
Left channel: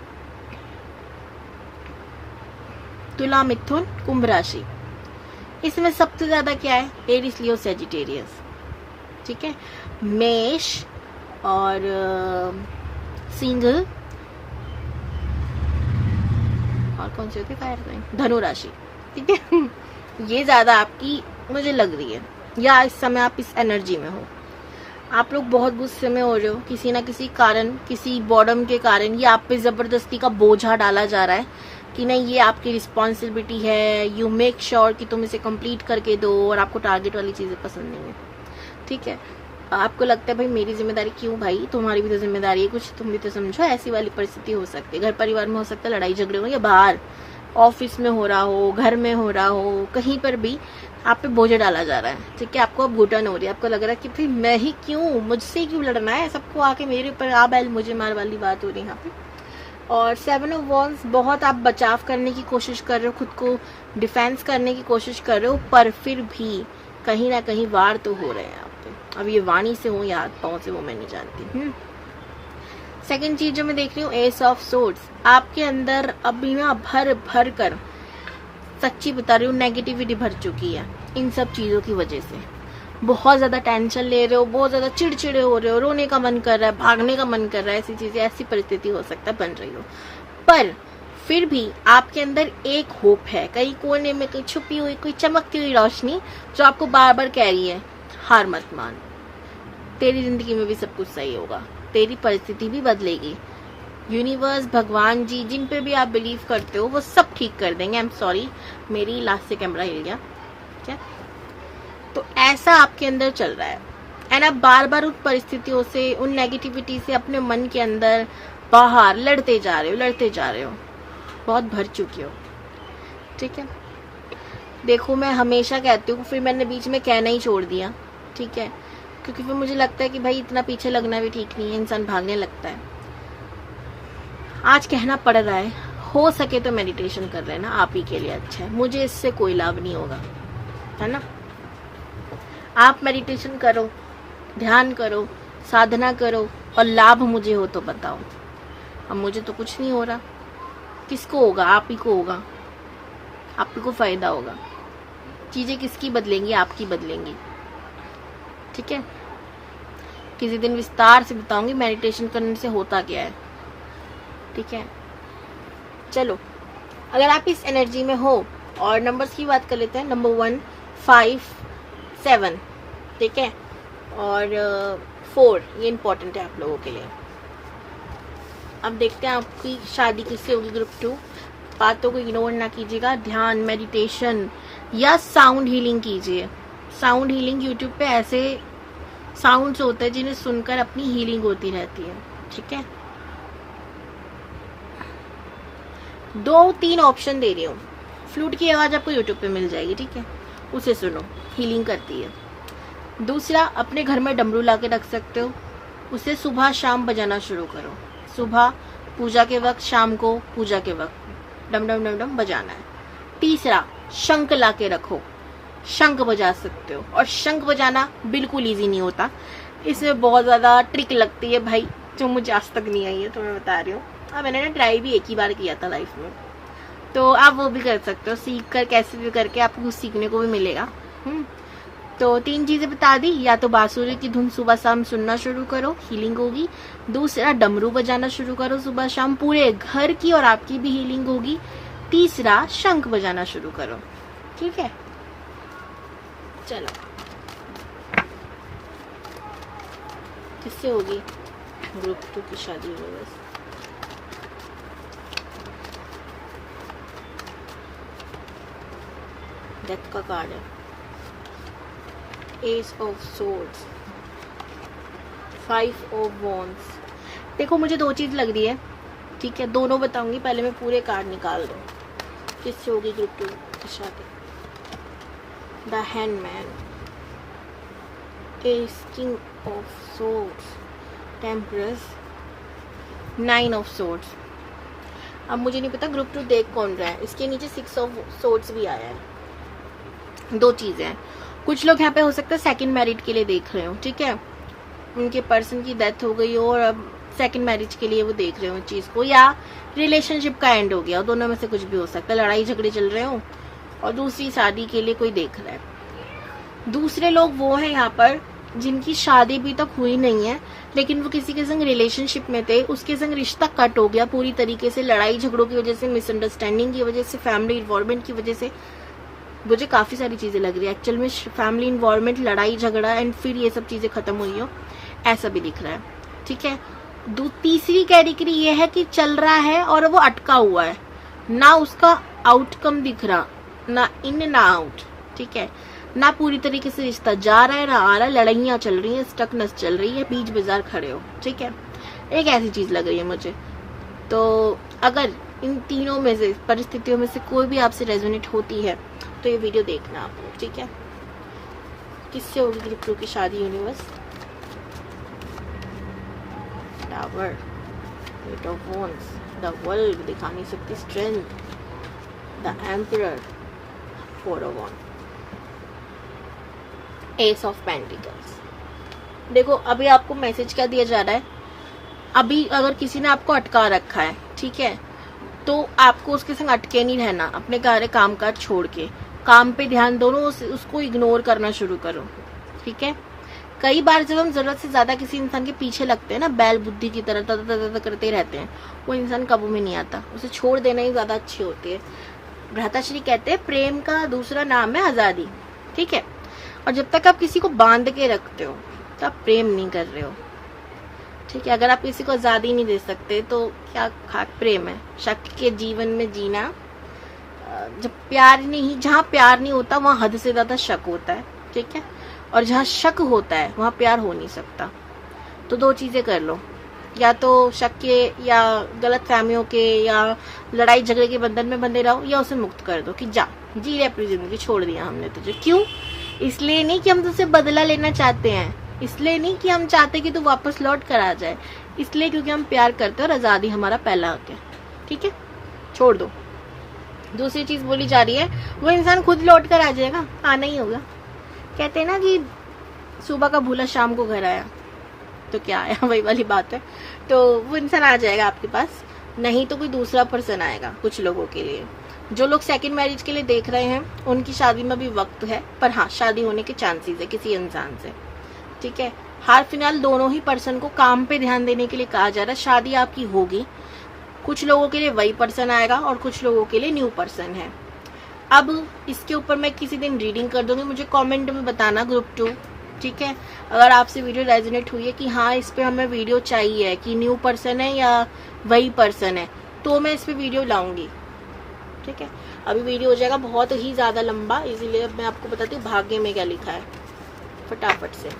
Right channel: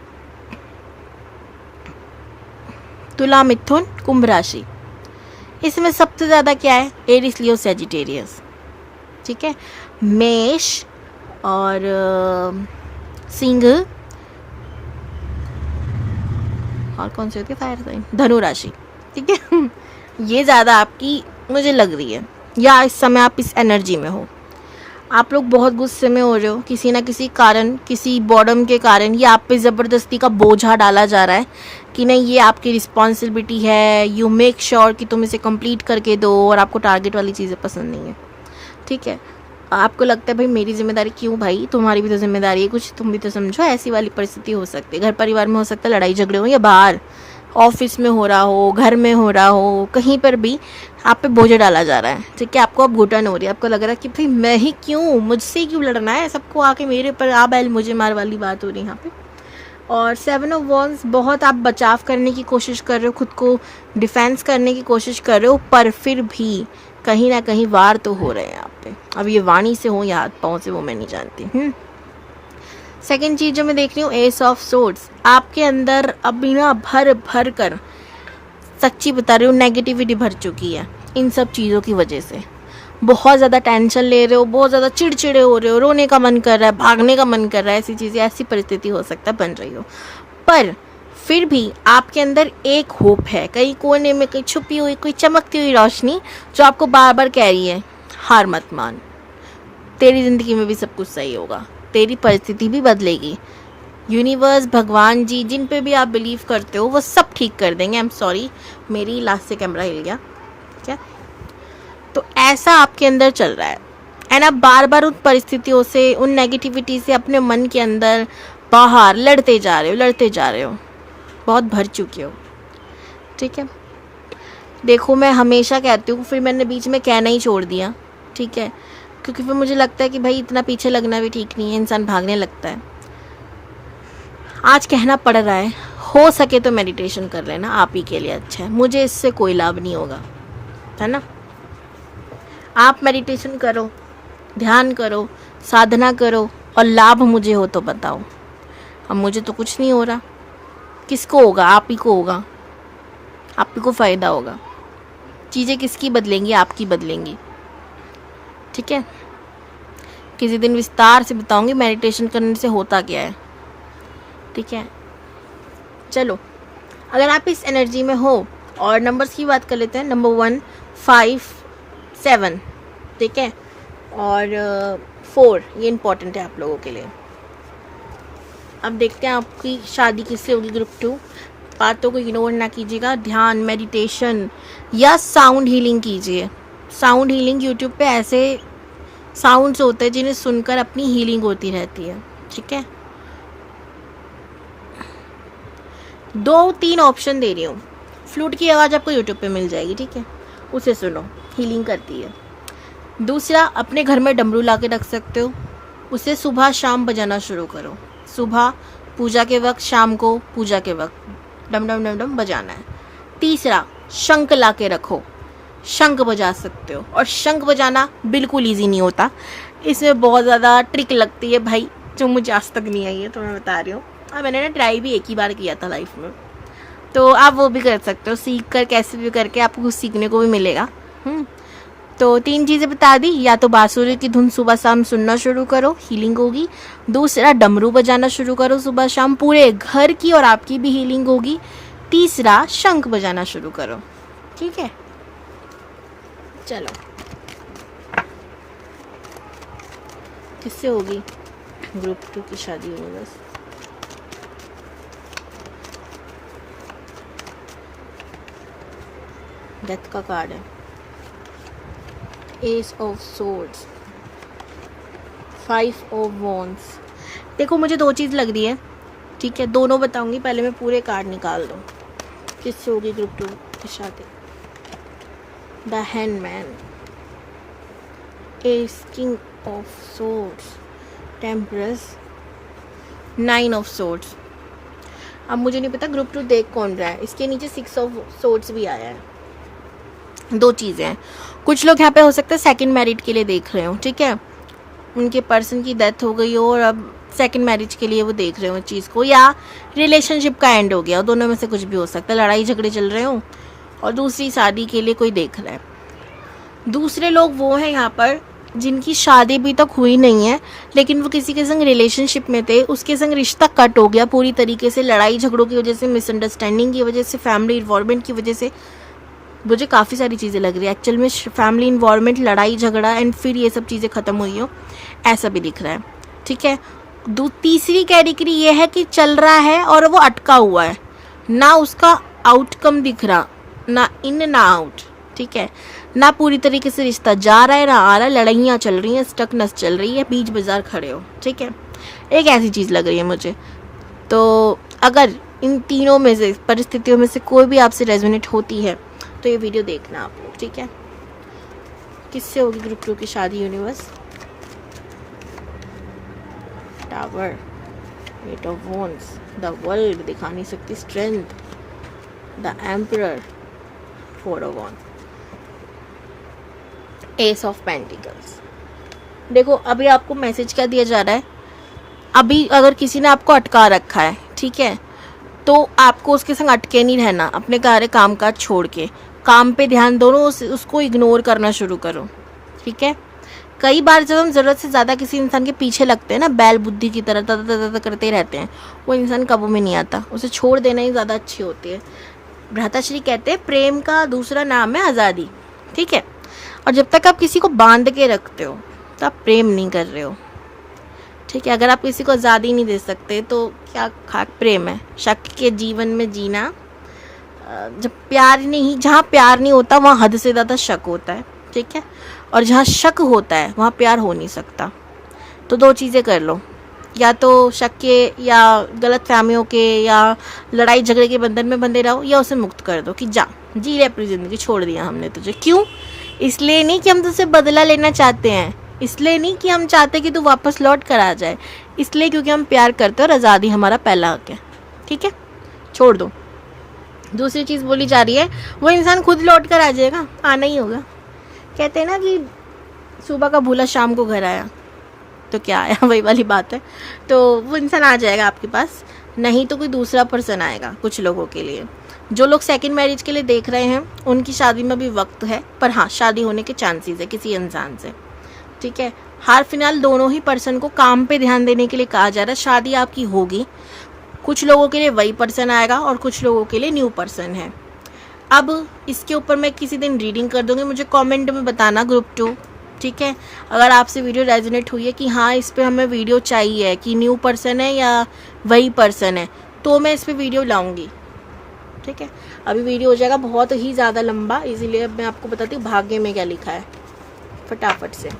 तुला, मिथुन, कुंभ राशि। इसमें सबसे ज्यादा क्या है, एरिस, लियो, सैजिटेरियस, ठीक है। मेष और सिंह, और कौन सी होती है फायर साइन, धनु राशि, ठीक है। ये ज्यादा आपकी मुझे लग रही है, या इस समय आप इस एनर्जी में हो। आप लोग बहुत गुस्से में हो रहे हो, किसी ना किसी कारण, किसी बॉर्डम के कारण, ये आप पे जबरदस्ती का बोझा डाला जा रहा है कि नहीं ये आपकी रिस्पॉन्सिबिलिटी है, यू मेक श्योर कि तुम इसे कंप्लीट करके दो, और आपको टारगेट वाली चीज़ें पसंद नहीं है, ठीक है। आपको लगता है भाई मेरी जिम्मेदारी, क्यों भाई, तुम्हारी भी तो जिम्मेदारी है कुछ, तुम भी तो समझो। ऐसी वाली परिस्थिति हो सकती है, घर परिवार में हो सकता है, लड़ाई झगड़े हो, या बाहर ऑफिस में हो रहा हो, घर में हो रहा हो, कहीं पर भी आप पे बोझ डाला जा रहा है, ठीक है। आपको अब घुटन हो रही है, आपको लग रहा है कि भाई मैं ही क्यों, मुझसे क्यों लड़ना है, सबको आके मेरे पर आ बैल मुझे मार वाली बात हो रही है यहाँ पे। और सेवन ऑफ वॉन्ड्स, बहुत आप बचाव करने की कोशिश कर रहे हो, खुद को डिफेंस करने की कोशिश कर रहे हो, पर फिर भी कहीं ना कहीं वार तो हो रहे हैं आप पे। अब ये वाणी से हो या हाथ पाँव से, वो मैं नहीं जानती। सेकेंड चीज जो मैं देख रही हूँ, एस ऑफ सोर्ड्स, आपके अंदर अभी ना भर भर कर, सच्ची बता रही हूँ, नेगेटिविटी भर चुकी है इन सब चीज़ों की वजह से। बहुत ज़्यादा टेंशन ले रहे हो, बहुत ज़्यादा चिड़चिड़े हो रहे हो, रोने का मन कर रहा है, भागने का मन कर रहा है, ऐसी चीज़ें, ऐसी परिस्थिति हो सकता है बन रही हो। पर फिर भी आपके अंदर एक होप है, कहीं कोने में कहीं छुपी हुई कोई चमकती हुई रोशनी जो आपको बार बार कह रही है हार मत मान, तेरी जिंदगी में भी सब कुछ सही होगा, तेरी परिस्थिति भी बदलेगी, यूनिवर्स, भगवान जी, जिन पे भी आप बिलीव करते हो वो सब ठीक कर देंगे। आई एम सॉरी, मेरी लास्ट से कैमरा हिल गया, क्या। तो ऐसा आपके अंदर चल रहा है, एंड आप बार बार उन परिस्थितियों से, उन नेगेटिविटी से अपने मन के अंदर बाहर लड़ते जा रहे हो, बहुत भर चुके हो, ठीक है। देखो मैं हमेशा कहती हूँ, फिर मैंने बीच में कहना ही छोड़ दिया, ठीक है, क्योंकि फिर मुझे लगता है कि भाई इतना पीछे लगना भी ठीक नहीं है, इंसान भागने लगता है। आज कहना पड़ रहा है, हो सके तो मेडिटेशन कर लेना, आप ही के लिए अच्छा है, मुझे इससे कोई लाभ नहीं होगा, है ना। आप मेडिटेशन करो, ध्यान करो, साधना करो, और लाभ मुझे हो तो बताओ। अब मुझे तो कुछ नहीं हो रहा, किसको होगा, आप ही को होगा, आप ही को फायदा होगा। चीज़ें किसकी बदलेंगी, आपकी बदलेंगी, ठीक है। किसी दिन विस्तार से बताऊंगी मेडिटेशन करने से होता क्या है, ठीक है। चलो, अगर आप इस एनर्जी में हो, और नंबर्स की बात कर लेते हैं, नंबर 1, 5, 7, ठीक है, और 4, ये इम्पोर्टेंट है आप लोगों के लिए। अब देखते हैं आपकी शादी किससे होगी, ग्रुप 2। बातों को इग्नोर ना कीजिएगा, ध्यान, मेडिटेशन या साउंड हीलिंग कीजिए। साउंड हीलिंग यूट्यूब पे ऐसे साउंड्स होते हैं जिन्हें सुनकर अपनी हीलिंग होती रहती है, ठीक है। 2-3 ऑप्शन दे रही हूँ, फ्लूट की आवाज़ आपको यूट्यूब पे मिल जाएगी, ठीक है, उसे सुनो, हीलिंग करती है। दूसरा, अपने घर में डमरू ला के रख सकते हो, उसे सुबह शाम बजाना शुरू करो, सुबह पूजा के वक्त, शाम को पूजा के वक्त डम डम डम डम बजाना है। तीसरा, शंख ला के रखो, शंख बजा सकते हो, और शंख बजाना बिल्कुल ईजी नहीं होता, इसमें बहुत ज़्यादा ट्रिक लगती है भाई, जो मुझे आज तक नहीं आई है, तो मैं बता रही हूँ। मैंने ना ट्राई भी एक ही बार किया था लाइफ में, तो आप वो भी कर सकते हो, सीख कर कैसे भी करके आपको कुछ सीखने को भी मिलेगा। तो 3 चीज़ें बता दी, या तो बांसुरी की धुन सुबह शाम सुनना शुरू करो, हीलिंग होगी। दूसरा, डमरू बजाना शुरू करो सुबह शाम, पूरे घर की और आपकी भी हीलिंग होगी। तीसरा, शंख बजाना शुरू करो, ठीक है। चलो, किससे होगी, ग्रुप 2 की शादी होगी बस। डेथ का कार्ड है, S of swords, 5 of wands. देखो मुझे 2 चीज़ लग रही है, ठीक है, दोनों बताऊंगी, पहले मैं पूरे कार्ड निकाल दूँ। किससे होगी ग्रुप 2 की शादी? The hanged man, ace, king of swords, temperance, 9 of swords. अब मुझे नहीं पता ग्रुप 2 देख कौन रहा है। इसके नीचे 6 ऑफ सोर्ड्स भी आया है। दो चीज़ें हैं, कुछ लोग यहाँ पे हो सकता है सेकंड मैरिज के लिए देख रहे हो, ठीक है, उनके पर्सन की डेथ हो गई हो और अब सेकंड मैरिज के लिए वो देख रहे हो चीज़ को, या रिलेशनशिप का एंड हो गया, दोनों में से कुछ भी हो सकता है, लड़ाई झगड़े चल रहे हो और दूसरी शादी के लिए कोई देख रहा है। दूसरे लोग वो हैं यहाँ पर जिनकी शादी अभी तक हुई नहीं है, लेकिन वो किसी के संग रिलेशनशिप में थे, उसके संग रिश्ता कट हो गया पूरी तरीके से, लड़ाई झगड़ों की वजह से, मिसअंडरस्टैंडिंग की वजह से, फैमिली इन्वॉल्वमेंट की वजह से। मुझे काफ़ी सारी चीज़ें लग रही है एक्चुअल में, फैमिली इन्वॉल्वमेंट, लड़ाई झगड़ा एंड फिर ये सब चीज़ें ख़त्म हुई हो, ऐसा भी दिख रहा है, ठीक है। तीसरी कैटेगरी ये है कि चल रहा है और वो अटका हुआ है, ना उसका आउटकम दिख रहा, ना इन ना आउट, ठीक है, ना पूरी तरीके से रिश्ता जा रहा है ना आ रहा है, लड़ाइयाँ चल रही हैं, स्टकनेस चल रही है, बीच बाजार खड़े हो, ठीक है। एक ऐसी चीज़ लग रही है मुझे। तो अगर इन तीनों में से, परिस्थितियों में से कोई भी आपसे रेजोनेट होती है तो ये वीडियो देखना आप लोग, ठीक है। किससे होगी ग्रुप 2 की शादी? Universe, tower, eight of wands, the world दिखा नहीं सकती, strength, the emperor, four of wands, ace of pentacles. देखो अभी आपको मैसेज क्या दिया जा रहा है, अभी अगर किसी ने आपको अटका रखा है, ठीक है, तो आपको उसके संग अटके नहीं रहना, अपने कार्य काम काज छोड़ के काम पे ध्यान दो, उसको इग्नोर करना शुरू करो, ठीक है। कई बार जब हम ज़रूरत से ज़्यादा किसी इंसान के पीछे लगते हैं ना, बैल बुद्धि की तरह तदा करते रहते हैं, वो इंसान काबू में नहीं आता, उसे छोड़ देना ही ज़्यादा अच्छी होती है। भ्राताश्री कहते हैं प्रेम का दूसरा नाम है आज़ादी, ठीक है। और जब तक आप किसी को बांध के रखते हो तो आप प्रेम नहीं कर रहे हो, ठीक है। अगर आप किसी को आज़ादी नहीं दे सकते तो क्या खाक प्रेम है? शक के जीवन में जीना, जब प्यार नहीं, जहाँ प्यार नहीं होता वहाँ हद से ज़्यादा शक होता है, ठीक है, और जहाँ शक होता है वहाँ प्यार हो नहीं सकता। तो दो चीज़ें कर लो, या तो शक के या गलत फहमियों के या लड़ाई झगड़े के बंधन में बंधे रहो, या उसे मुक्त कर दो कि जा जी ले अपनी ज़िंदगी, छोड़ दिया हमने तुझे। क्यों? इसलिए नहीं कि हम तुझसे बदला लेना चाहते हैं, इसलिए नहीं कि हम चाहते कि तू वापस लौट कर आ जाए, इसलिए क्योंकि हम प्यार करते हैं और आज़ादी हमारा पहला हक है, ठीक है, छोड़ दो। दूसरी चीज़ बोली जा रही है, वो इंसान खुद लौट कर आ जाएगा, आना ही होगा। कहते हैं ना कि सुबह का भूला शाम को घर आया, तो क्या आया, वही वाली बात है। तो वो इंसान आ जाएगा आपके पास, नहीं तो कोई दूसरा पर्सन आएगा कुछ लोगों के लिए। जो लोग सेकंड मैरिज के लिए देख रहे हैं उनकी शादी में भी वक्त है, पर हाँ शादी होने के चांसेस है किसी इंसान से, ठीक है। हाल फिलहाल दोनों ही पर्सन को काम पे ध्यान देने के लिए कहा जा रहा है, शादी आपकी होगी। कुछ लोगों के लिए वही पर्सन आएगा और कुछ लोगों के लिए न्यू पर्सन है। अब इसके ऊपर मैं किसी दिन रीडिंग कर दूंगी, मुझे कमेंट में बताना ग्रुप 2, ठीक है। अगर आपसे वीडियो रेजोनेट हुई है कि हाँ इस पे हमें वीडियो चाहिए कि न्यू पर्सन है या वही पर्सन है, तो मैं इस पे वीडियो लाऊंगी, ठीक है। अभी वीडियो हो जाएगा बहुत ही ज़्यादा लंबा, इसीलिए मैं आपको बताती हूँ भाग्य में क्या लिखा है फटाफट से।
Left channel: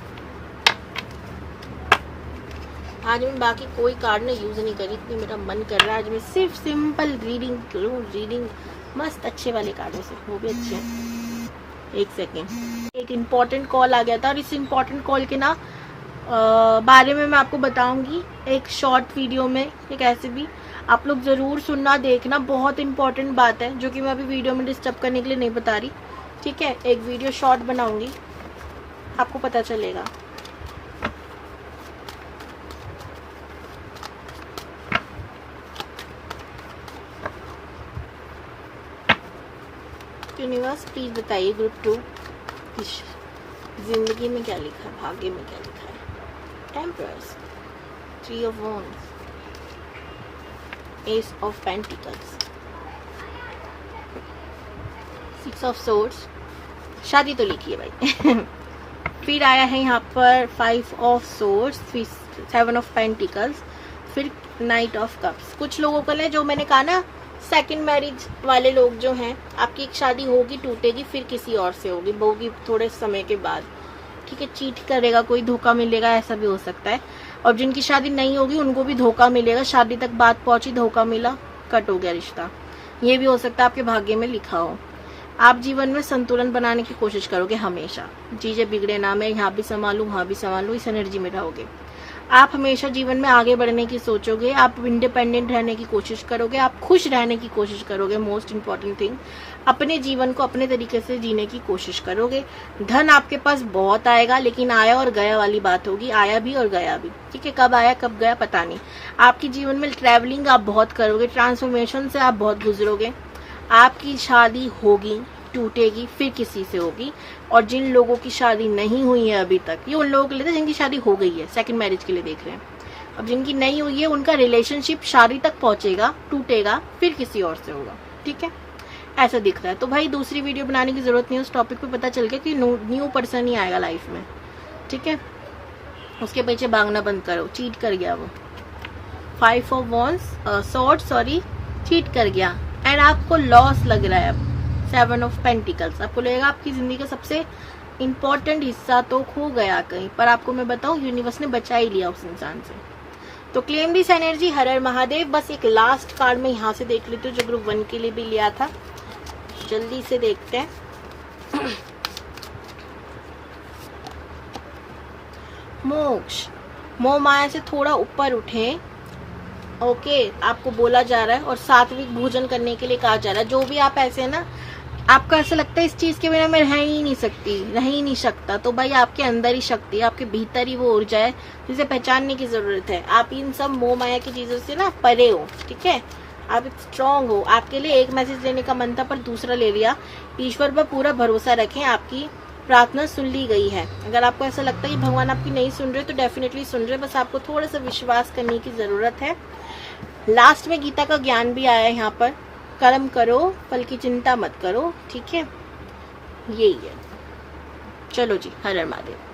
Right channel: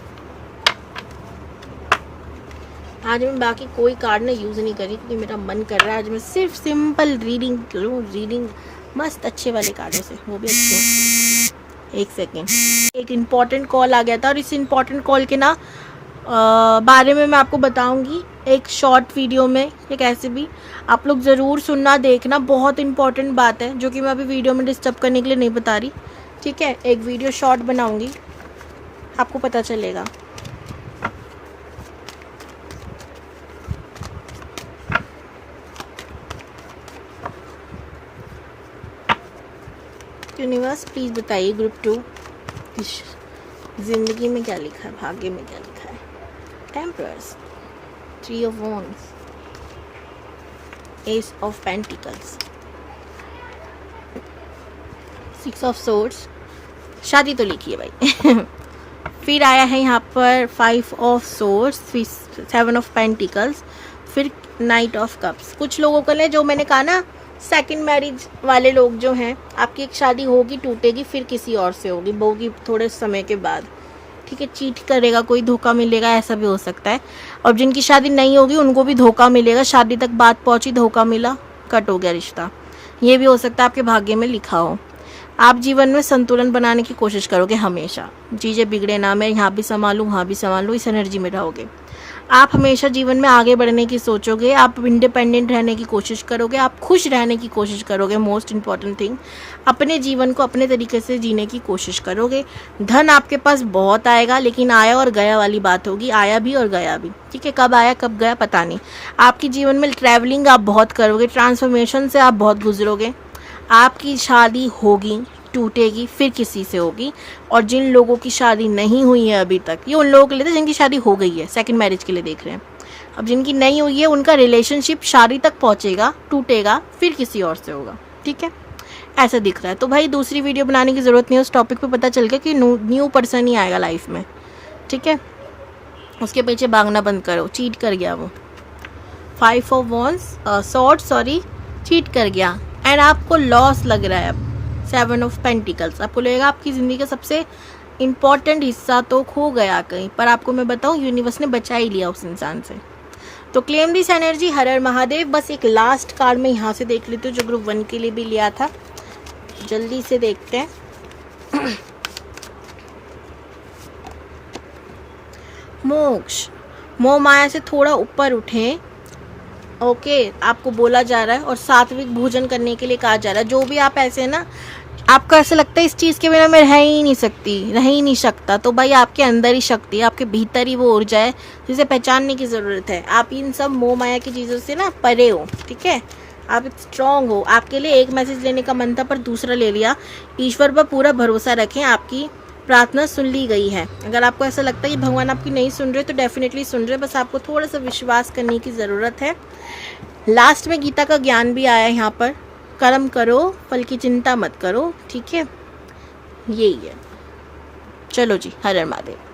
आज मैं बाकी कोई कार्ड ना यूज़ नहीं करी क्योंकि मेरा मन कर रहा है आज मैं सिर्फ सिंपल रीडिंग करूँ, रीडिंग मस्त अच्छे वाले कार्डों से, वो भी अच्छे। एक सेकेंड, एक इम्पॉर्टेंट कॉल आ गया था और इस इम्पॉर्टेंट कॉल के ना बारे में मैं आपको बताऊंगी एक शॉर्ट वीडियो में। एक ऐसे भी आप लोग ज़रूर सुनना देखना, बहुत इंपॉर्टेंट बात है जो कि मैं अभी वीडियो में डिस्टर्ब करने के लिए नहीं बता रही, ठीक है। एक वीडियो शॉर्ट बनाऊंगी, आपको पता चलेगा। यूनिवर्स प्लीज़ बताइए ग्रुप 2 जिंदगी में क्या लिखा है, भाग्य में क्या लिखा है। टेम्परर्स, 3 of wands, ace of pentacles, 6 of swords, शादी तो लिखी है भाई। फिर आया है यहाँ पर 5 ऑफ सोर्ड्स, 7 ऑफ पेंटिकल्स, फिर नाइट ऑफ कप्स। कुछ लोगों के लिए जो मैंने कहा ना सेकंड मैरिज वाले लोग जो हैं, आपकी एक शादी होगी टूटेगी फिर किसी और से होगी थोड़े समय के बाद, ठीक है, चीट करेगा कोई, धोखा मिलेगा, ऐसा भी हो सकता है। और जिनकी शादी नहीं होगी उनको भी धोखा मिलेगा, शादी तक बात पहुंची, धोखा मिला, कट हो गया रिश्ता, ये भी हो सकता है आपके भाग्य में लिखा हो। आप जीवन में संतुलन बनाने की कोशिश करोगे हमेशा, चीज़ें बिगड़े ना, मैं यहाँ भी संभालूँ वहाँ भी संभालूँ, इस एनर्जी में रहोगे। आप हमेशा जीवन में आगे बढ़ने की सोचोगे, आप इंडिपेंडेंट रहने की कोशिश करोगे, आप खुश रहने की कोशिश करोगे, मोस्ट इम्पॉर्टेंट थिंग, अपने जीवन को अपने तरीके से जीने की कोशिश करोगे। धन आपके पास बहुत आएगा, लेकिन आया और गया वाली बात होगी, आया भी और गया भी, ठीक है, कब आया कब गया पता नहीं। आपके जीवन में ट्रैवलिंग आप बहुत करोगे, ट्रांसफॉर्मेशन से आप बहुत गुजरोगे। आपकी शादी होगी, टूटेगी, फिर किसी से होगी। और जिन लोगों की शादी नहीं हुई है अभी तक, ये उन लोगों के लिए था जिनकी शादी हो गई है, सेकंड मैरिज के लिए देख रहे हैं। अब जिनकी नहीं हुई है उनका रिलेशनशिप शादी तक पहुंचेगा, टूटेगा, फिर किसी और से होगा, ठीक है, ऐसा दिख रहा है। तो भाई दूसरी वीडियो बनाने की ज़रूरत नहीं है, उस टॉपिक पे पता चल गया कि न्यू पर्सन ही आएगा लाइफ में, ठीक है, उसके पीछे भागना बंद करो। चीट कर गया वो, 5 of wands sword, sorry, cheat कर गया एंड आपको लॉस लग रहा है। अब 7 ऑफ पेंटिकल्स, आपको लगेगा आपकी ज़िंदगी का सबसे इम्पॉर्टेंट हिस्सा तो खो गया कहीं, पर आपको मैं बताऊं यूनिवर्स ने बचा ही लिया उस इंसान से। तो क्लेम दिस एनर्जी, हर हर महादेव। बस एक लास्ट कार्ड में यहाँ से देख लेती हूँ जो ग्रुप 1 के लिए भी लिया था, जल्दी से देखते हैं। मोक्ष, मोह माया से थोड़ा ऊपर उठे, ओके, आपको बोला जा रहा है, और सात्विक भोजन करने के लिए कहा जा रहा है। जो भी आप ऐसे ना, आपको ऐसा लगता है इस चीज़ के बिना मैं रह ही नहीं सकती, रह ही नहीं सकता, तो भाई आपके अंदर ही शक्ति है, आपके भीतर ही वो ऊर्जा है जिसे पहचानने की ज़रूरत है। आप इन सब मोह माया की चीज़ों से ना परे हो, ठीक है, आप स्ट्रांग हो। आपके लिए एक मैसेज लेने का मन था पर दूसरा ले लिया। ईश्वर पर पूरा भरोसा रखें, आपकी प्रार्थना सुन ली गई है। अगर आपको ऐसा लगता है कि भगवान आपकी नहीं सुन रहे तो डेफिनेटली सुन रहे, बस आपको थोड़ा सा विश्वास करने की ज़रूरत है। लास्ट में गीता का ज्ञान भी आया है यहाँ पर, कर्म करो, फल की चिंता मत करो, ठीक है, यही है। चलो जी, हर हर महादेव।